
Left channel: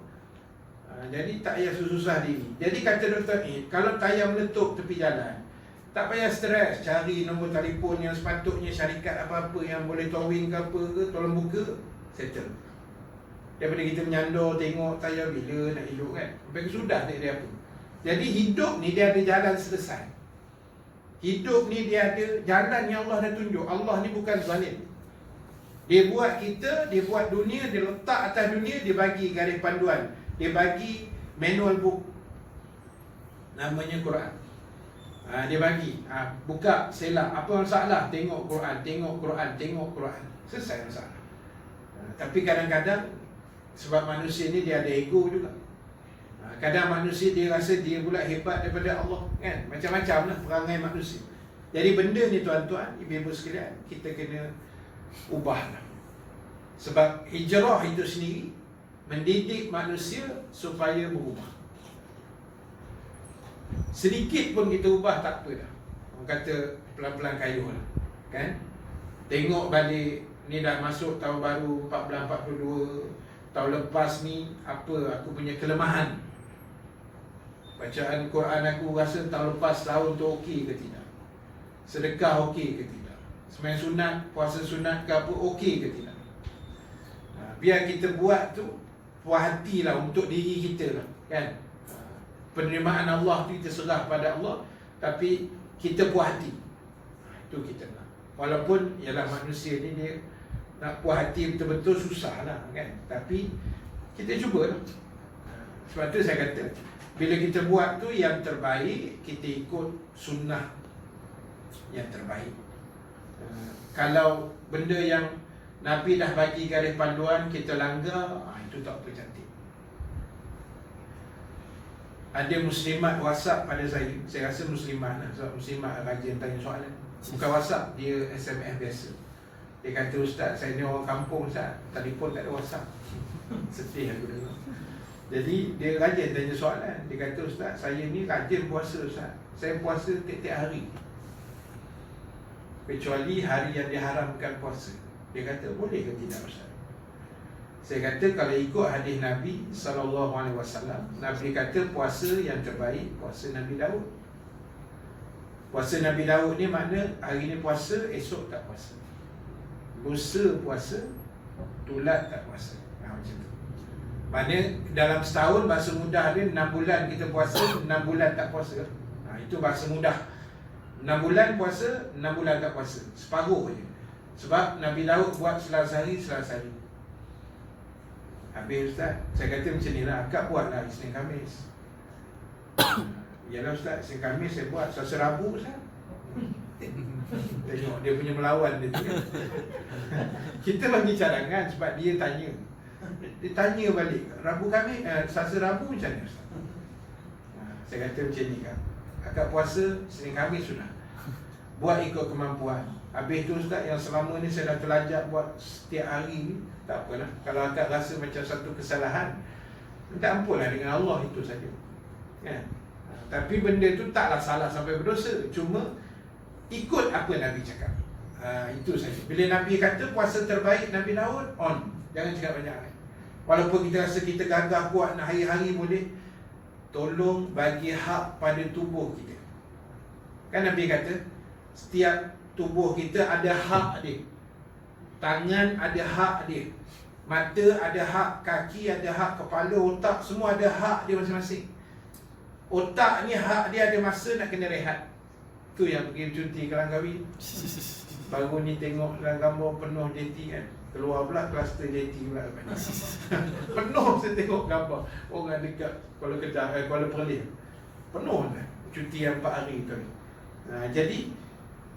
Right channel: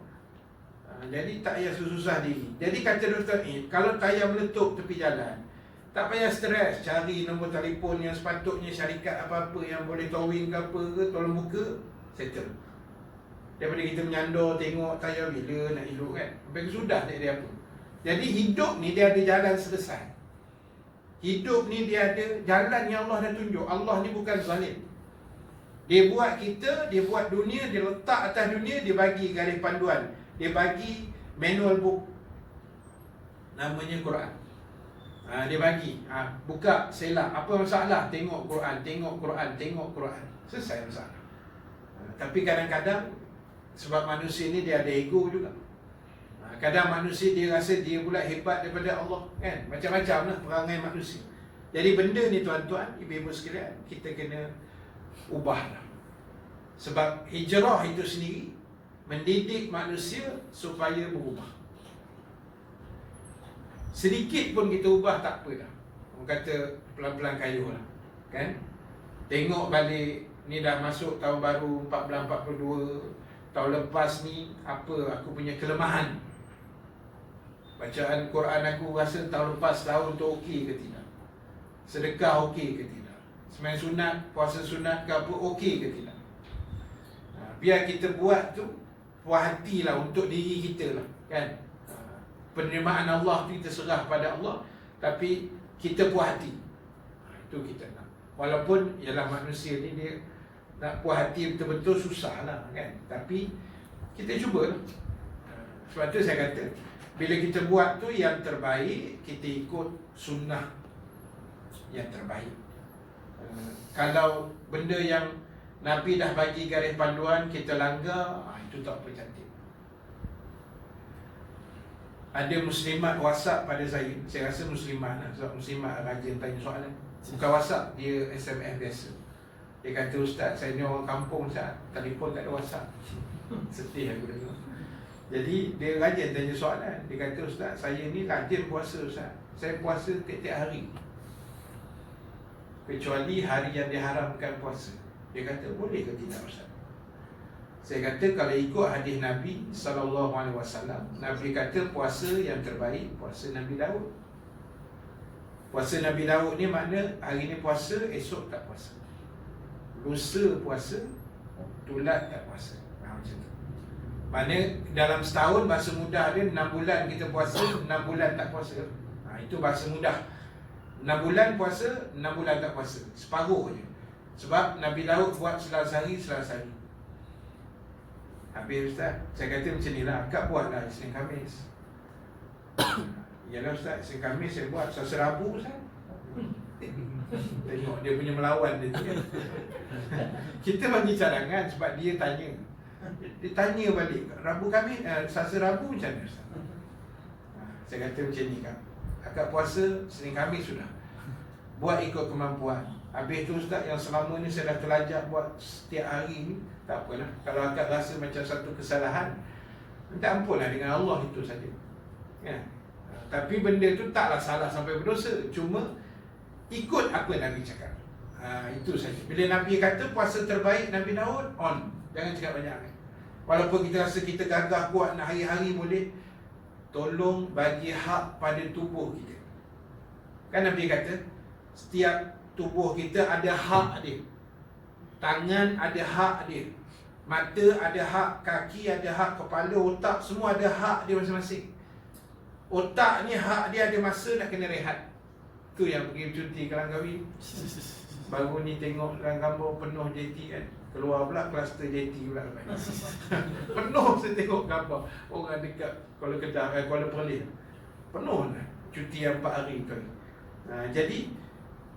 Jadi tak payah susah diri. Jadi kata Dr. Aid, kalau tayar meletup tepi jalan, tak payah stres, cari nombor telefon yang sepatutnya, syarikat apa-apa yang boleh towing ke apa ke, tolong buka, settle. Daripada kita menyandor tengok tayar bila nak elok kan. Sampai sudah tak ada apa. Jadi hidup ni dia ada jalan selesai. Hidup ni dia ada jalan yang Allah dah tunjuk. Allah ni bukan zalim. Dia buat kita, dia buat dunia, dia letak atas dunia, dia bagi garis panduan, dia bagi manual book, namanya Quran. Dia bagi, buka selak, apa masalah, tengok Quran, tengok Quran, tengok Quran, selesai masalah. Tapi kadang-kadang sebab manusia ni dia ada ego juga. Kadang manusia dia rasa dia pula hebat daripada Allah kan. Macam-macam lah perangai manusia. Jadi benda ni tuan-tuan, ibu-ibu sekalian, kita kena ubahlah. Sebab hijrah itu sendiri mendidik manusia supaya berubah. Sedikit pun kita ubah tak apa dah. Orang kata pelan-pelan kayuh lah kan. Tengok balik, ni dah masuk tahun baru 1442. Tahun lepas ni apa aku punya kelemahan. Bacaan Quran aku rasa tahun lepas tahun tu okey ke tidak. Sedekah okey ke tidak. Sembahyang sunat, puasa sunat ke apa okey ke tidak. Biar kita buat tu puas hatilah untuk diri kita lah kan. Penerimaan Allah tu kita serah pada Allah, tapi kita puas hati. Itu kita nak. Walaupun ialah manusia ni dia nak puas hati betul-betul susah lah kan. Tapi kita cubalah. Sebab tu saya kata, bila kita buat tu yang terbaik, kita ikut sunnah yang terbaik. Kalau benda yang Nabi dah bagi garis panduan kita langgar, itu tak apa cantik. Ada muslimat WhatsApp pada saya rasa muslimat lah, sebab muslimat rajin tanya soalan. Bukan WhatsApp, dia SMS biasa. Dia kata, "Ustaz, saya ni orang kampung Ustaz, telefon tak ada WhatsApp." Sedih aku dengar. Jadi dia rajin tanya soalan. Dia kata, "Ustaz, saya ni rajin puasa Ustaz, saya puasa tiap-tiap hari, kecuali hari yang diharamkan puasa." Dia kata, "Boleh ke tidak Ustaz?" Saya kata, kalau ikut hadis Nabi SAW, Nabi kata puasa yang terbaik puasa Nabi Daud. Puasa Nabi Daud ni makna hari ni puasa, esok tak puasa, lusa puasa, tulat tak puasa. Macam tu. Makna dalam setahun bahasa mudah dia 6 bulan kita puasa, 6 bulan tak puasa. Itu bahasa mudah. 6 bulan puasa, 6 bulan tak puasa, separuh je. Sebab Nabi Daud buat Selasa hari. Habis Ustaz, saya kata macam ni lah, akak buatlah Isnin Khamis. Yalah Ustaz, Isnin Khamis saya buat, Selasa Rabu Ustaz. Tengok dia punya melawan dia tu kan. Kita bagi cadangan sebab dia tanya. Dia tanya balik, Rabu Khamis, Selasa Rabu macam mana Ustaz? Saya kata macam ni kan, akak puasa Isnin Khamis sudah, buat ikut kemampuan. Habis tu Ustaz, yang selama ni saya dah terlajak buat setiap hari ni, tak apalah. Kalau akak rasa macam satu kesalahan, minta ampun lah dengan Allah, itu saja kan? Tapi benda tu taklah salah sampai berdosa, cuma ikut apa Nabi cakap. Itu saja. Bila Nabi kata puasa terbaik Nabi Daud, on. Jangan cakap banyak. Walaupun kita rasa kita gagah buat nak hari-hari boleh, tolong bagi hak pada tubuh kita. Kan Nabi kata setiap tubuh kita ada hak dia. Tangan ada hak dia, mata ada hak, kaki ada hak, kepala, otak, semua ada hak dia masing-masing. Otak ni hak dia ada masa nak kena rehat. Tu yang pergi cuti ke Langkawi. Baru ni tengok dalam gambar penuh JT kan, keluar pula kluster JT pula. Penuh saya tengok gambar orang dekat Kuala Kedah, Kuala Perlis, penuh lah cuti 4 hari tu. Jadi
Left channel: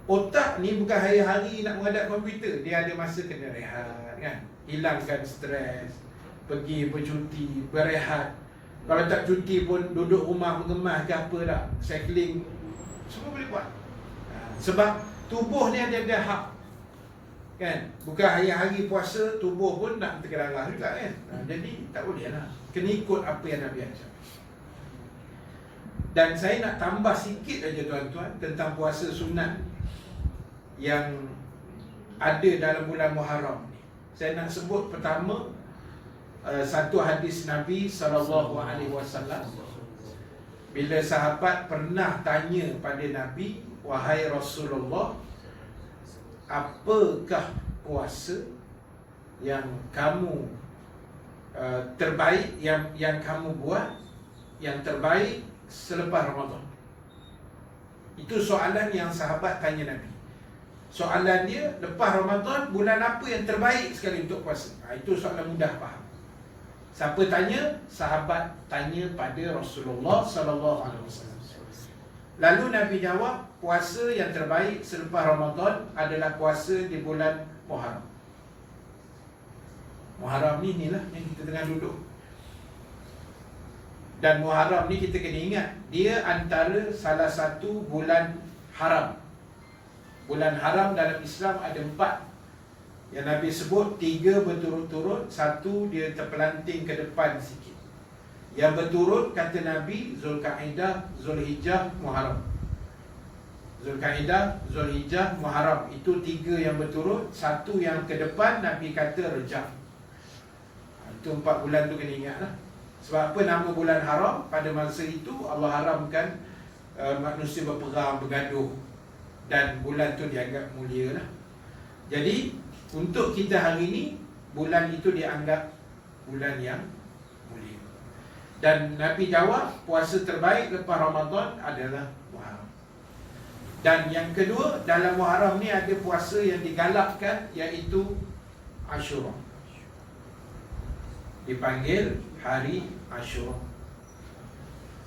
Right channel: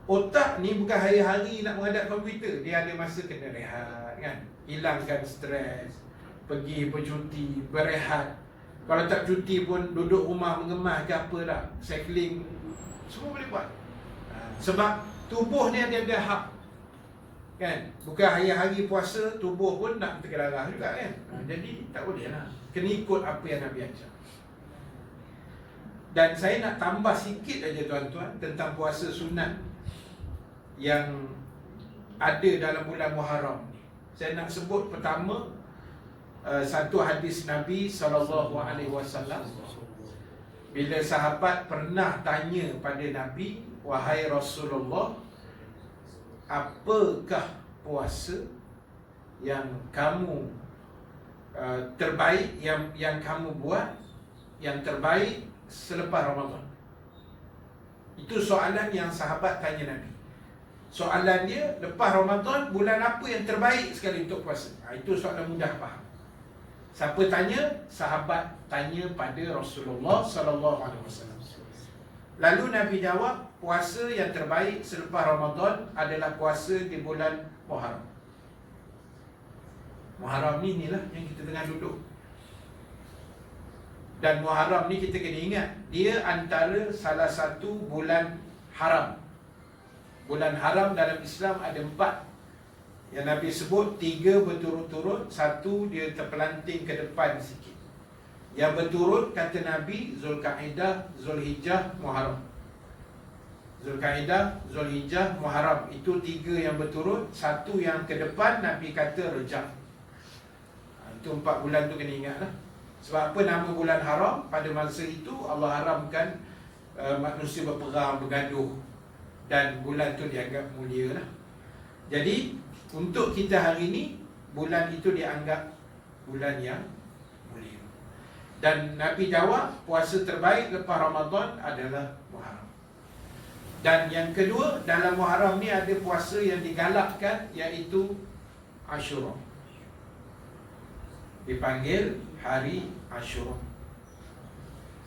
otak ni bukan hari-hari nak menghadap komputer, dia ada masa kena rehat kan, hilangkan stres, pergi bercuti, berehat. Kalau tak cuti pun duduk rumah mengemas ke apa dah, cycling, semua boleh buat. Sebab tubuh ni dia ada hak kan. Bukan hari-hari puasa tubuh pun nak terkedarah juga kan. Jadi tak boleh lah, kena ikut apa yang Nabi ajar. Dan saya nak tambah sikit aja tuan-tuan tentang puasa sunat yang ada dalam bulan Muharram ni. Saya nak sebut pertama satu hadis Nabi SAW. Bila sahabat pernah tanya pada Nabi, "Wahai Rasulullah, apakah puasa yang kamu terbaik, yang kamu buat yang terbaik selepas Ramadan?" Itu soalan yang sahabat tanya Nabi. Soalan dia, lepas Ramadan, bulan apa yang terbaik sekali untuk puasa? Itu soalan mudah faham. Siapa tanya? Sahabat tanya pada Rasulullah SAW. Lalu Nabi jawab, puasa yang terbaik selepas Ramadan adalah puasa di bulan Muharram. Muharram ni inilah yang kita tengah duduk. Dan Muharram ni kita kena ingat, dia antara salah satu bulan haram. Bulan haram dalam Islam ada 4. Yang Nabi sebut 3 berturut-turut, 1 dia terpelanting ke depan sikit. Yang berturut kata Nabi, Zulkaidah, Zulhijjah, Muharram. Zulkaidah, Zulhijjah, Muharram. Itu 3 yang berturut. 1 yang ke depan Nabi kata Rejab. Itu 4 bulan tu kena ingat lah. Sebab apa nama bulan haram? Pada masa itu Allah haramkan manusia berperang, bergaduh, dan bulan tu dianggap mulia lah. Jadi untuk kita hari ni, bulan itu dianggap bulan yang mulia. Dan Nabi jawab, puasa terbaik lepas Ramadan adalah Muharram. Dan yang kedua, dalam Muharram ni ada puasa yang digalakkan, iaitu Ashura. Dipanggil hari Ashura.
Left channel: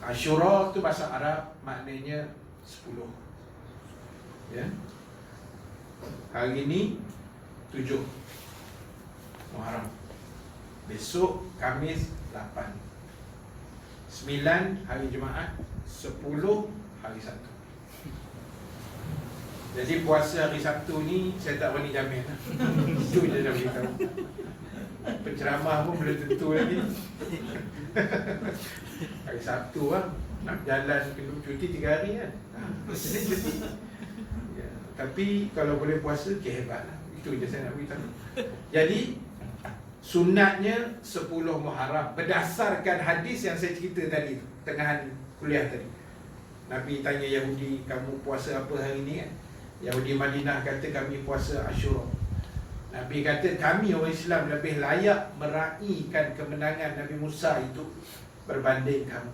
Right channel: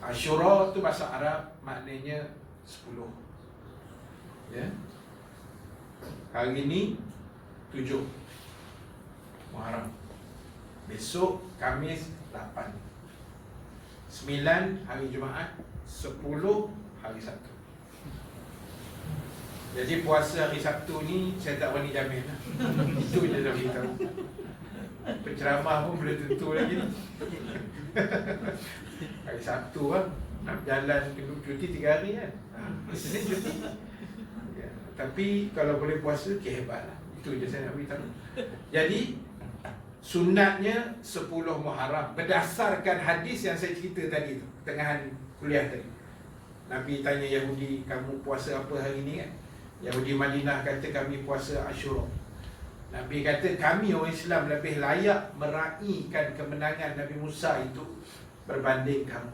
Ashura tu bahasa Arab maknanya 10. Ya. Hari ni 7 Muharram. Besok Khamis 8, 9 hari Jumaat, 10 hari Sabtu. Jadi puasa hari Sabtu ni saya tak berani jamin. Itu je dah beritahu. Penceramah pun belum tentu lagi. Hari Sabtu lah, nak jalan kena cuti 3 hari kan. Senin cuti. Ya, tapi kalau boleh puasa, hebat lah. Itu je saya nak beritahu. Jadi sunatnya 10 Muharram berdasarkan hadis yang saya cerita tadi tu, tengahan kuliah tadi. Nabi tanya Yahudi, kamu puasa apa hari ni kan? Yahudi Madinah kata, kami puasa Ashura. Nabi kata, kami orang Islam lebih layak meraihkan kemenangan Nabi Musa itu berbanding kamu.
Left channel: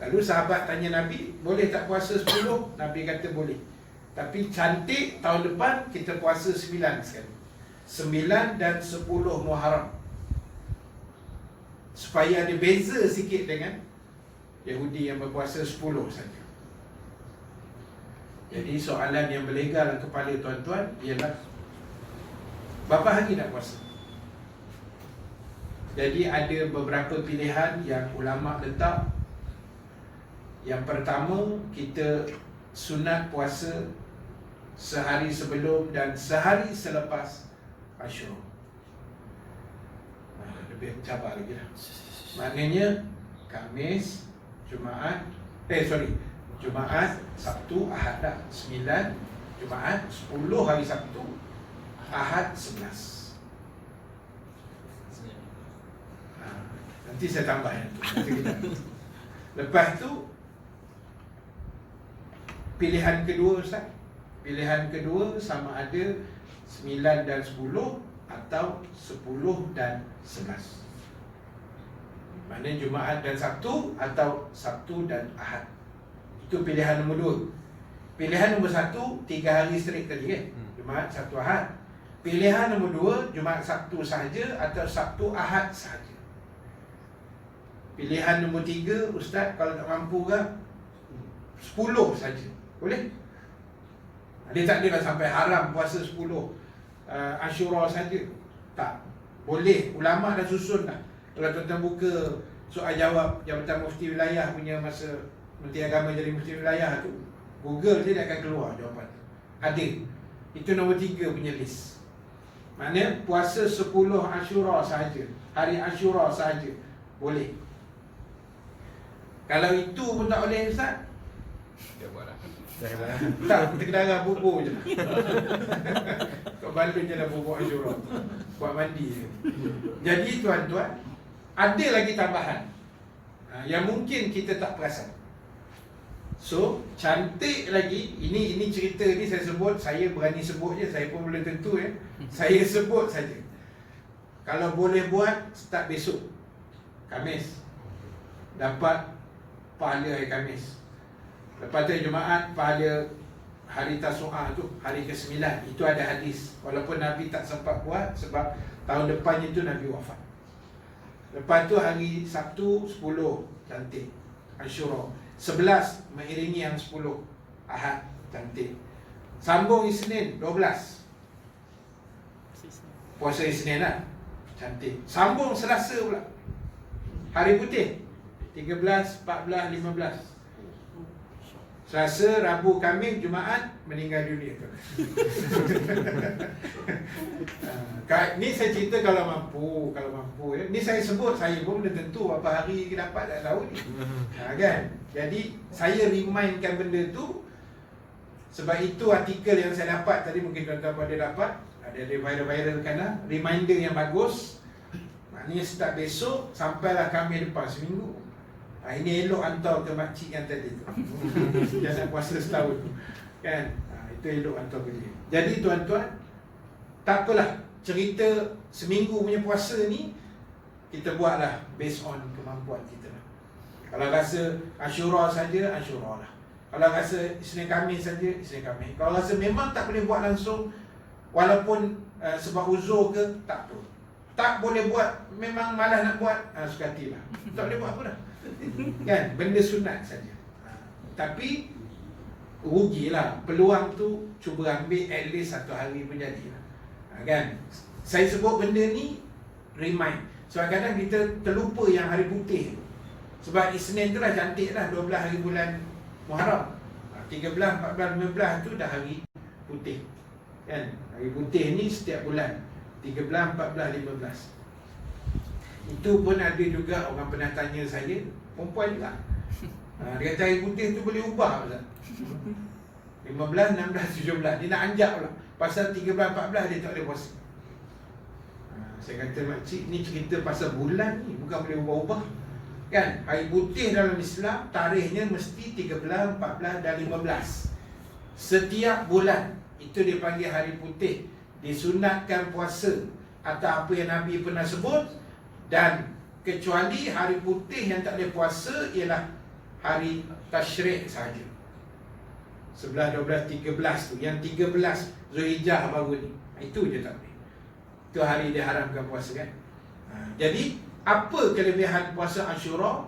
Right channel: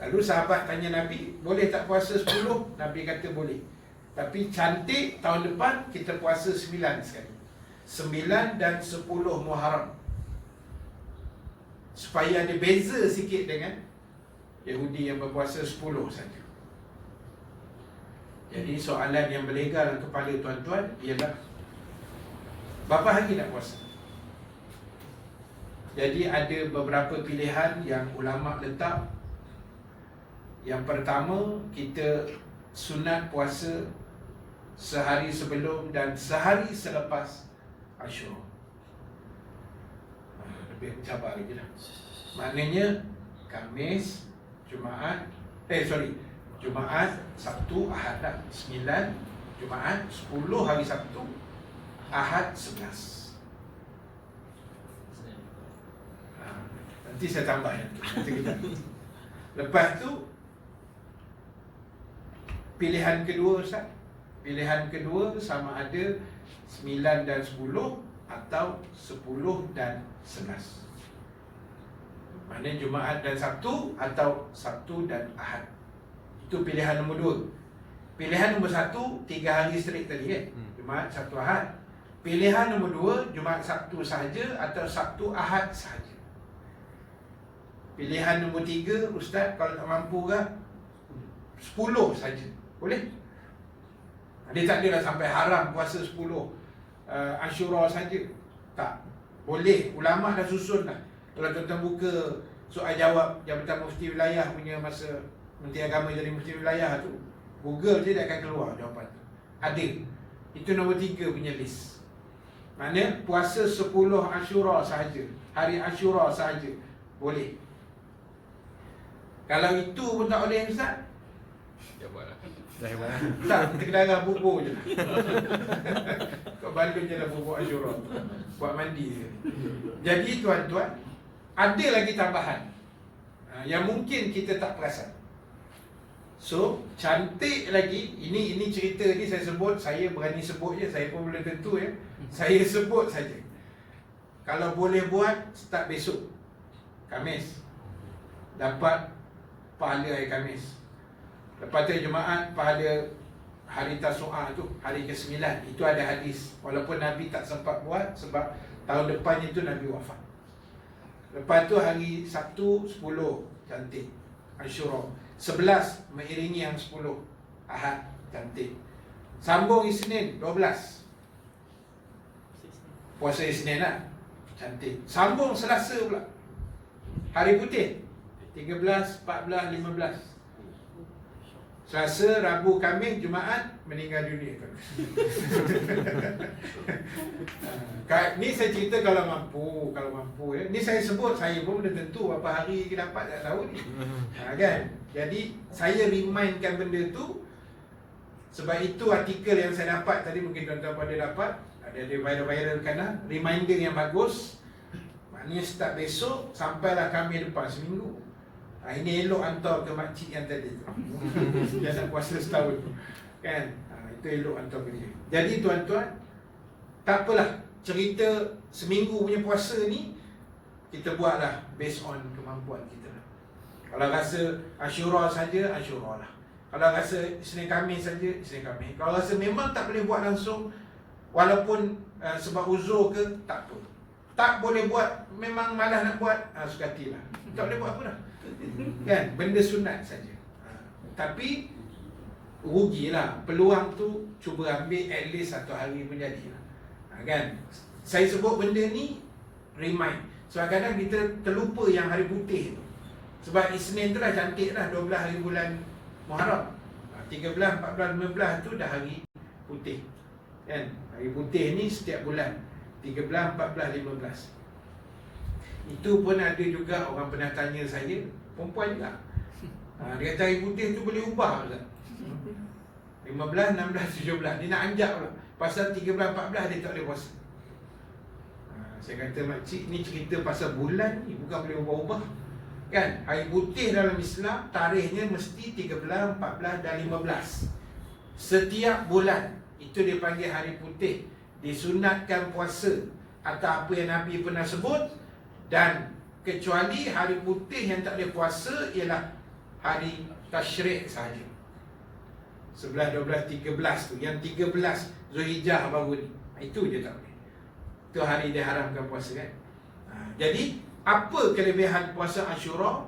Lalu sahabat tanya Nabi, boleh tak puasa 10? Nabi kata boleh. Tapi cantik tahun depan kita puasa 9 sekali. 9 dan 10 Muharram. Supaya ada beza sikit dengan Yahudi yang berpuasa 10 saja. Jadi soalan yang berlegar dalam kepala tuan-tuan ialah, berapa hari nak puasa? Jadi ada beberapa pilihan yang ulama letak. Yang pertama, kita sunat puasa sehari sebelum dan sehari selepas Ashura. Lebih cabar lagi lah. Maknanya Khamis, Jumaat, Jumaat, Sabtu, Ahad dah 9, Jumaat, 10 hari Sabtu, Ahad 11. Nanti saya tambah yang tu. Lepas tu pilihan kedua Ustaz. Pilihan kedua sama ada 9 dan 10 atau 10 dan 11. Maknanya Jumaat dan Sabtu atau Sabtu dan Ahad. Itu pilihan nombor 2. Pilihan nombor 1, 3 hari straight tadi kan, Jumaat, Sabtu, Ahad. Pilihan nombor 2, Jumaat, Sabtu sahaja atau Sabtu, Ahad sahaja. Pilihan nombor 3, Ustaz kalau tak mampu ke 10 saja. Boleh? Dia tak adalah sampai haram puasa 10 Ashura saja. Tak. Boleh. Ulama' dah susun dah. Kalau tuan-tuan buka soal jawab Jabatan Mufti Wilayah punya masa Menteri Agama jadi Mufti Wilayah tu, Google je dia akan keluar jawapan tu. Ada. Itu nombor 3 punya list. Maknanya puasa 10 Ashura sahaja, hari Ashura sahaja boleh. Kalau itu pun tak boleh Ustaz, Dah buat dah. tak, kita kena darah bubur je. Kau balun je lah bubur Ashura, buat mandi je. Jadi tuan-tuan, ada lagi tambahan yang mungkin kita tak perasan. So, cantik lagi. Ini cerita ni saya sebut, saya berani sebut je, saya pun belum tentu ya. Saya sebut saja. Kalau boleh buat, start besok Khamis, dapat pahala hari Khamis. Lepas tu Jumaat, pahala hari Tasu'ah tu, hari ke-9. Itu ada hadis. Walaupun Nabi tak sempat buat sebab tahun depannya tu Nabi wafat. Lepas tu hari Sabtu 10, cantik, Ashura. 11 mengiringi yang 10, Ahad, cantik. Sambung Isnin 12, puasa Isnin lah, cantik. Sambung Selasa pula, hari putih 13, 14, 15. Selasa, Rabu, Khamis, Jumaat meninggal dunia. Ni saya cerita kalau mampu ya. Ni saya sebut, saya pun belum tentu apa hari dapat, tak tahu ni. Kan? Jadi saya remindkan benda tu. Sebab itu artikel yang saya dapat tadi, mungkin tuan-tuan pada dapat, ada viral kan lah, reminder yang bagus. Maknanya start besok sampailah Khamis depan, seminggu. Ini elok hantar ke makcik yang tadi tu. Dia nak puasa setahun tu kan. Itu elok hantar ke dia. Jadi tuan-tuan, tak apalah, cerita seminggu punya puasa ni kita buatlah based on kemampuan kita lah. Kalau rasa Ashura saja, Ashura lah. Kalau rasa Isnin Khamis saja, Isnin Khamis. Kalau rasa memang tak boleh buat langsung, walaupun sebab uzur ke, tak apa. Tak boleh buat, memang malas nak buat, suka hatilah. Tak boleh buat apa dah. Kan, benda sunat saja. Tapi rugilah. Peluang tu cuba ambil at least 1 hari pun jadi lah. Kan? Saya sebut benda ni remind. Sebab kadang kita terlupa yang hari putih tu. Sebab Isnin tu dah cantik dah, 12 hari bulan Muharram. 13, 14, 15 tu dah hari putih. Kan? Hari putih ni setiap bulan 13, 14, 15. Itu pun ada juga orang pernah tanya saya, perempuan juga. Dia kata hari putih tu boleh ubah Ustaz. 15, 16, 17. Dia nak anjak pula. Pasal 13, 14 dia tak boleh puasa. Saya kata makcik ni cerita pasal bulan ni, bukan boleh ubah-ubah. Kan? Hari putih dalam Islam tarikhnya mesti 13, 14 dan 15. Setiap bulan itu dipanggil hari putih. Disunatkan puasa atau apa yang Nabi pernah sebut. Dan kecuali hari putih yang tak ada puasa ialah hari tasyrik sahaja. 11, 12, 13 tu. Yang 13 Zulhijjah baru ni. Itu je tak boleh. Itu hari dia haramkan puasa kan. Jadi apa kelebihan puasa Ashura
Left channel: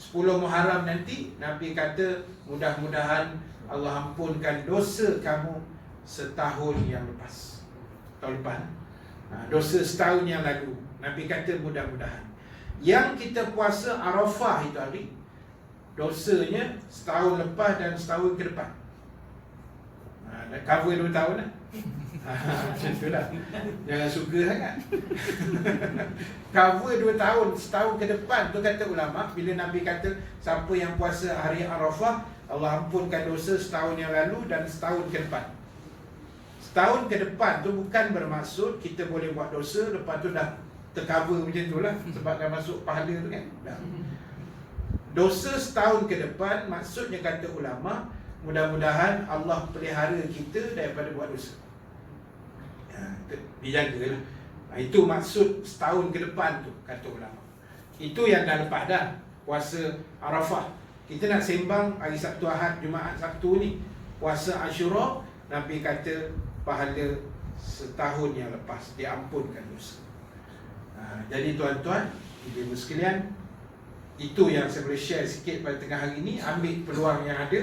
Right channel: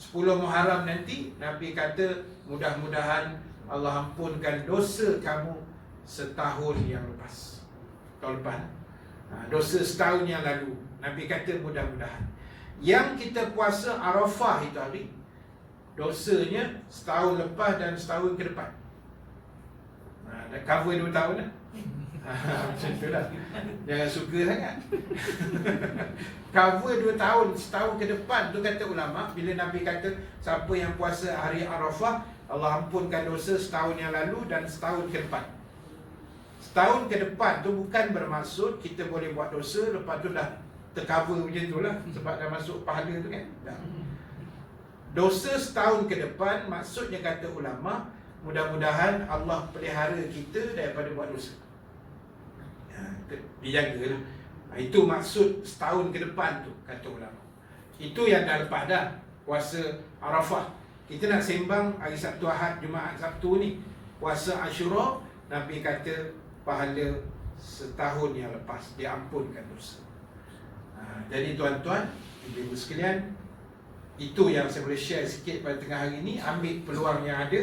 10 Muharram nanti? Nabi kata mudah-mudahan Allah ampunkan dosa kamu setahun yang lepas. Tahun lepas dosa setahun yang lalu. Nabi kata mudah-mudahan. Yang kita puasa Arafah itu hari, dosanya setahun lepas dan setahun ke depan. Dah cover 2 tahun lah. Macam tu lah. Jangan suka sangat. Cover 2 tahun, setahun ke depan tu kata ulama. Bila Nabi kata siapa yang puasa hari Arafah, Allah ampunkan dosa setahun yang lalu dan setahun ke depan. Setahun ke depan tu bukan bermaksud kita boleh buat dosa lepas tu dah tercover macam tu lah. Sebab dah masuk pahala tu kan. Dosa setahun ke depan maksudnya kata ulama, mudah-mudahan Allah pelihara kita daripada buat dosa. Dijagalah. Itu maksud setahun ke depan tu kata ulama. Itu yang dah lepas dah puasa Arafah. Kita nak sembang hari Sabtu, Ahad, Jumaat, Sabtu ni puasa Ashura. Nabi kata pahala setahun yang lepas, diampunkan dosa. Jadi tuan-tuan, ibu-ibu sekalian, itu yang saya boleh share sikit pada tengah hari ini. Ambil peluang yang ada.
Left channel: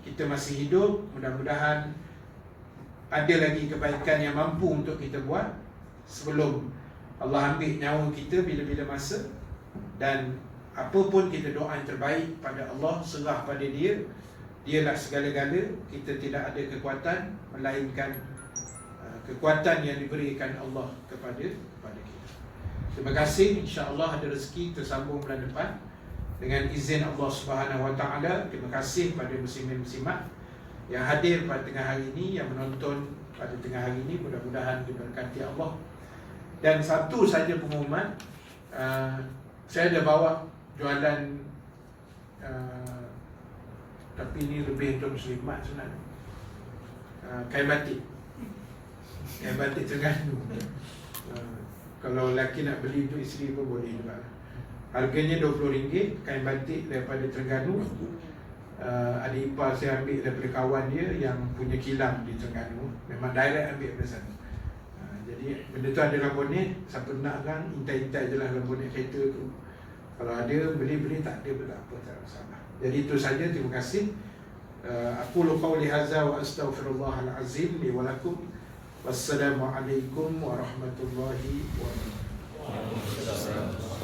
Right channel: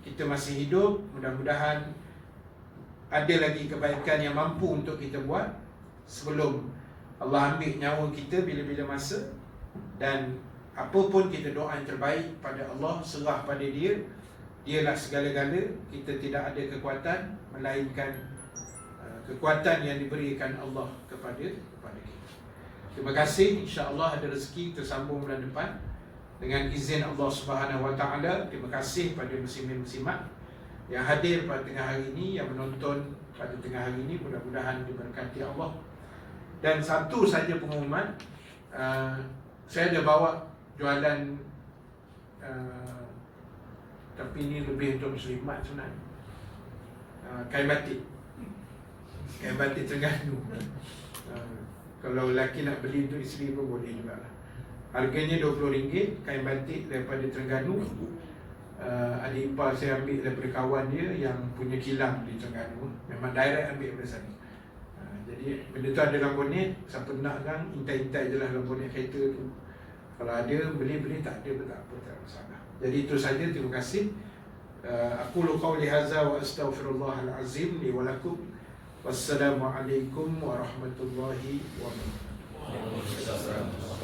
Kita masih hidup, mudah-mudahan ada lagi kebaikan yang mampu untuk kita buat sebelum Allah ambil nyawa kita bila-bila masa. Dan apa pun kita doa yang terbaik pada Allah, serah pada Dia. Dialah segala-gala. Kita tidak ada kekuatan melainkan kekuatan yang diberikan Allah kepada kita. Terima kasih. InsyaAllah ada rezeki tersambung bulan depan dengan izin Allah Subhanahu Wa Taala. Terima kasih pada muslimin-muslimat yang hadir pada tengah hari ini, yang menonton pada tengah hari ini. Mudah-mudahan diberkati Allah. Dan satu saja pengumuman, saya ada bawa jualan, tapi ini lebih untuk muslimat sebenarnya, kain batik. Kain batik Terengganu. Kalau lelaki nak beli untuk isteri pun boleh juga. Harganya RM20, kain batik daripada Terengganu. Ada ipar saya ambil daripada kawan dia yang punya kilang di Terengganu. Memang direct ambil dari sana. Jadi benda tu ada dalam bonet. Siapa nak kan, intai-intai je lah dalam bonet kereta tu. Kalau ada, beli-beli, tak ada pun tak apa, tak ada masalah. Jadi itu saja, terima kasih. Aku qauli hadza wa astaghfirullahal azim li wa lakum. Wassalamualaikum warahmatullahi wabarakatuh.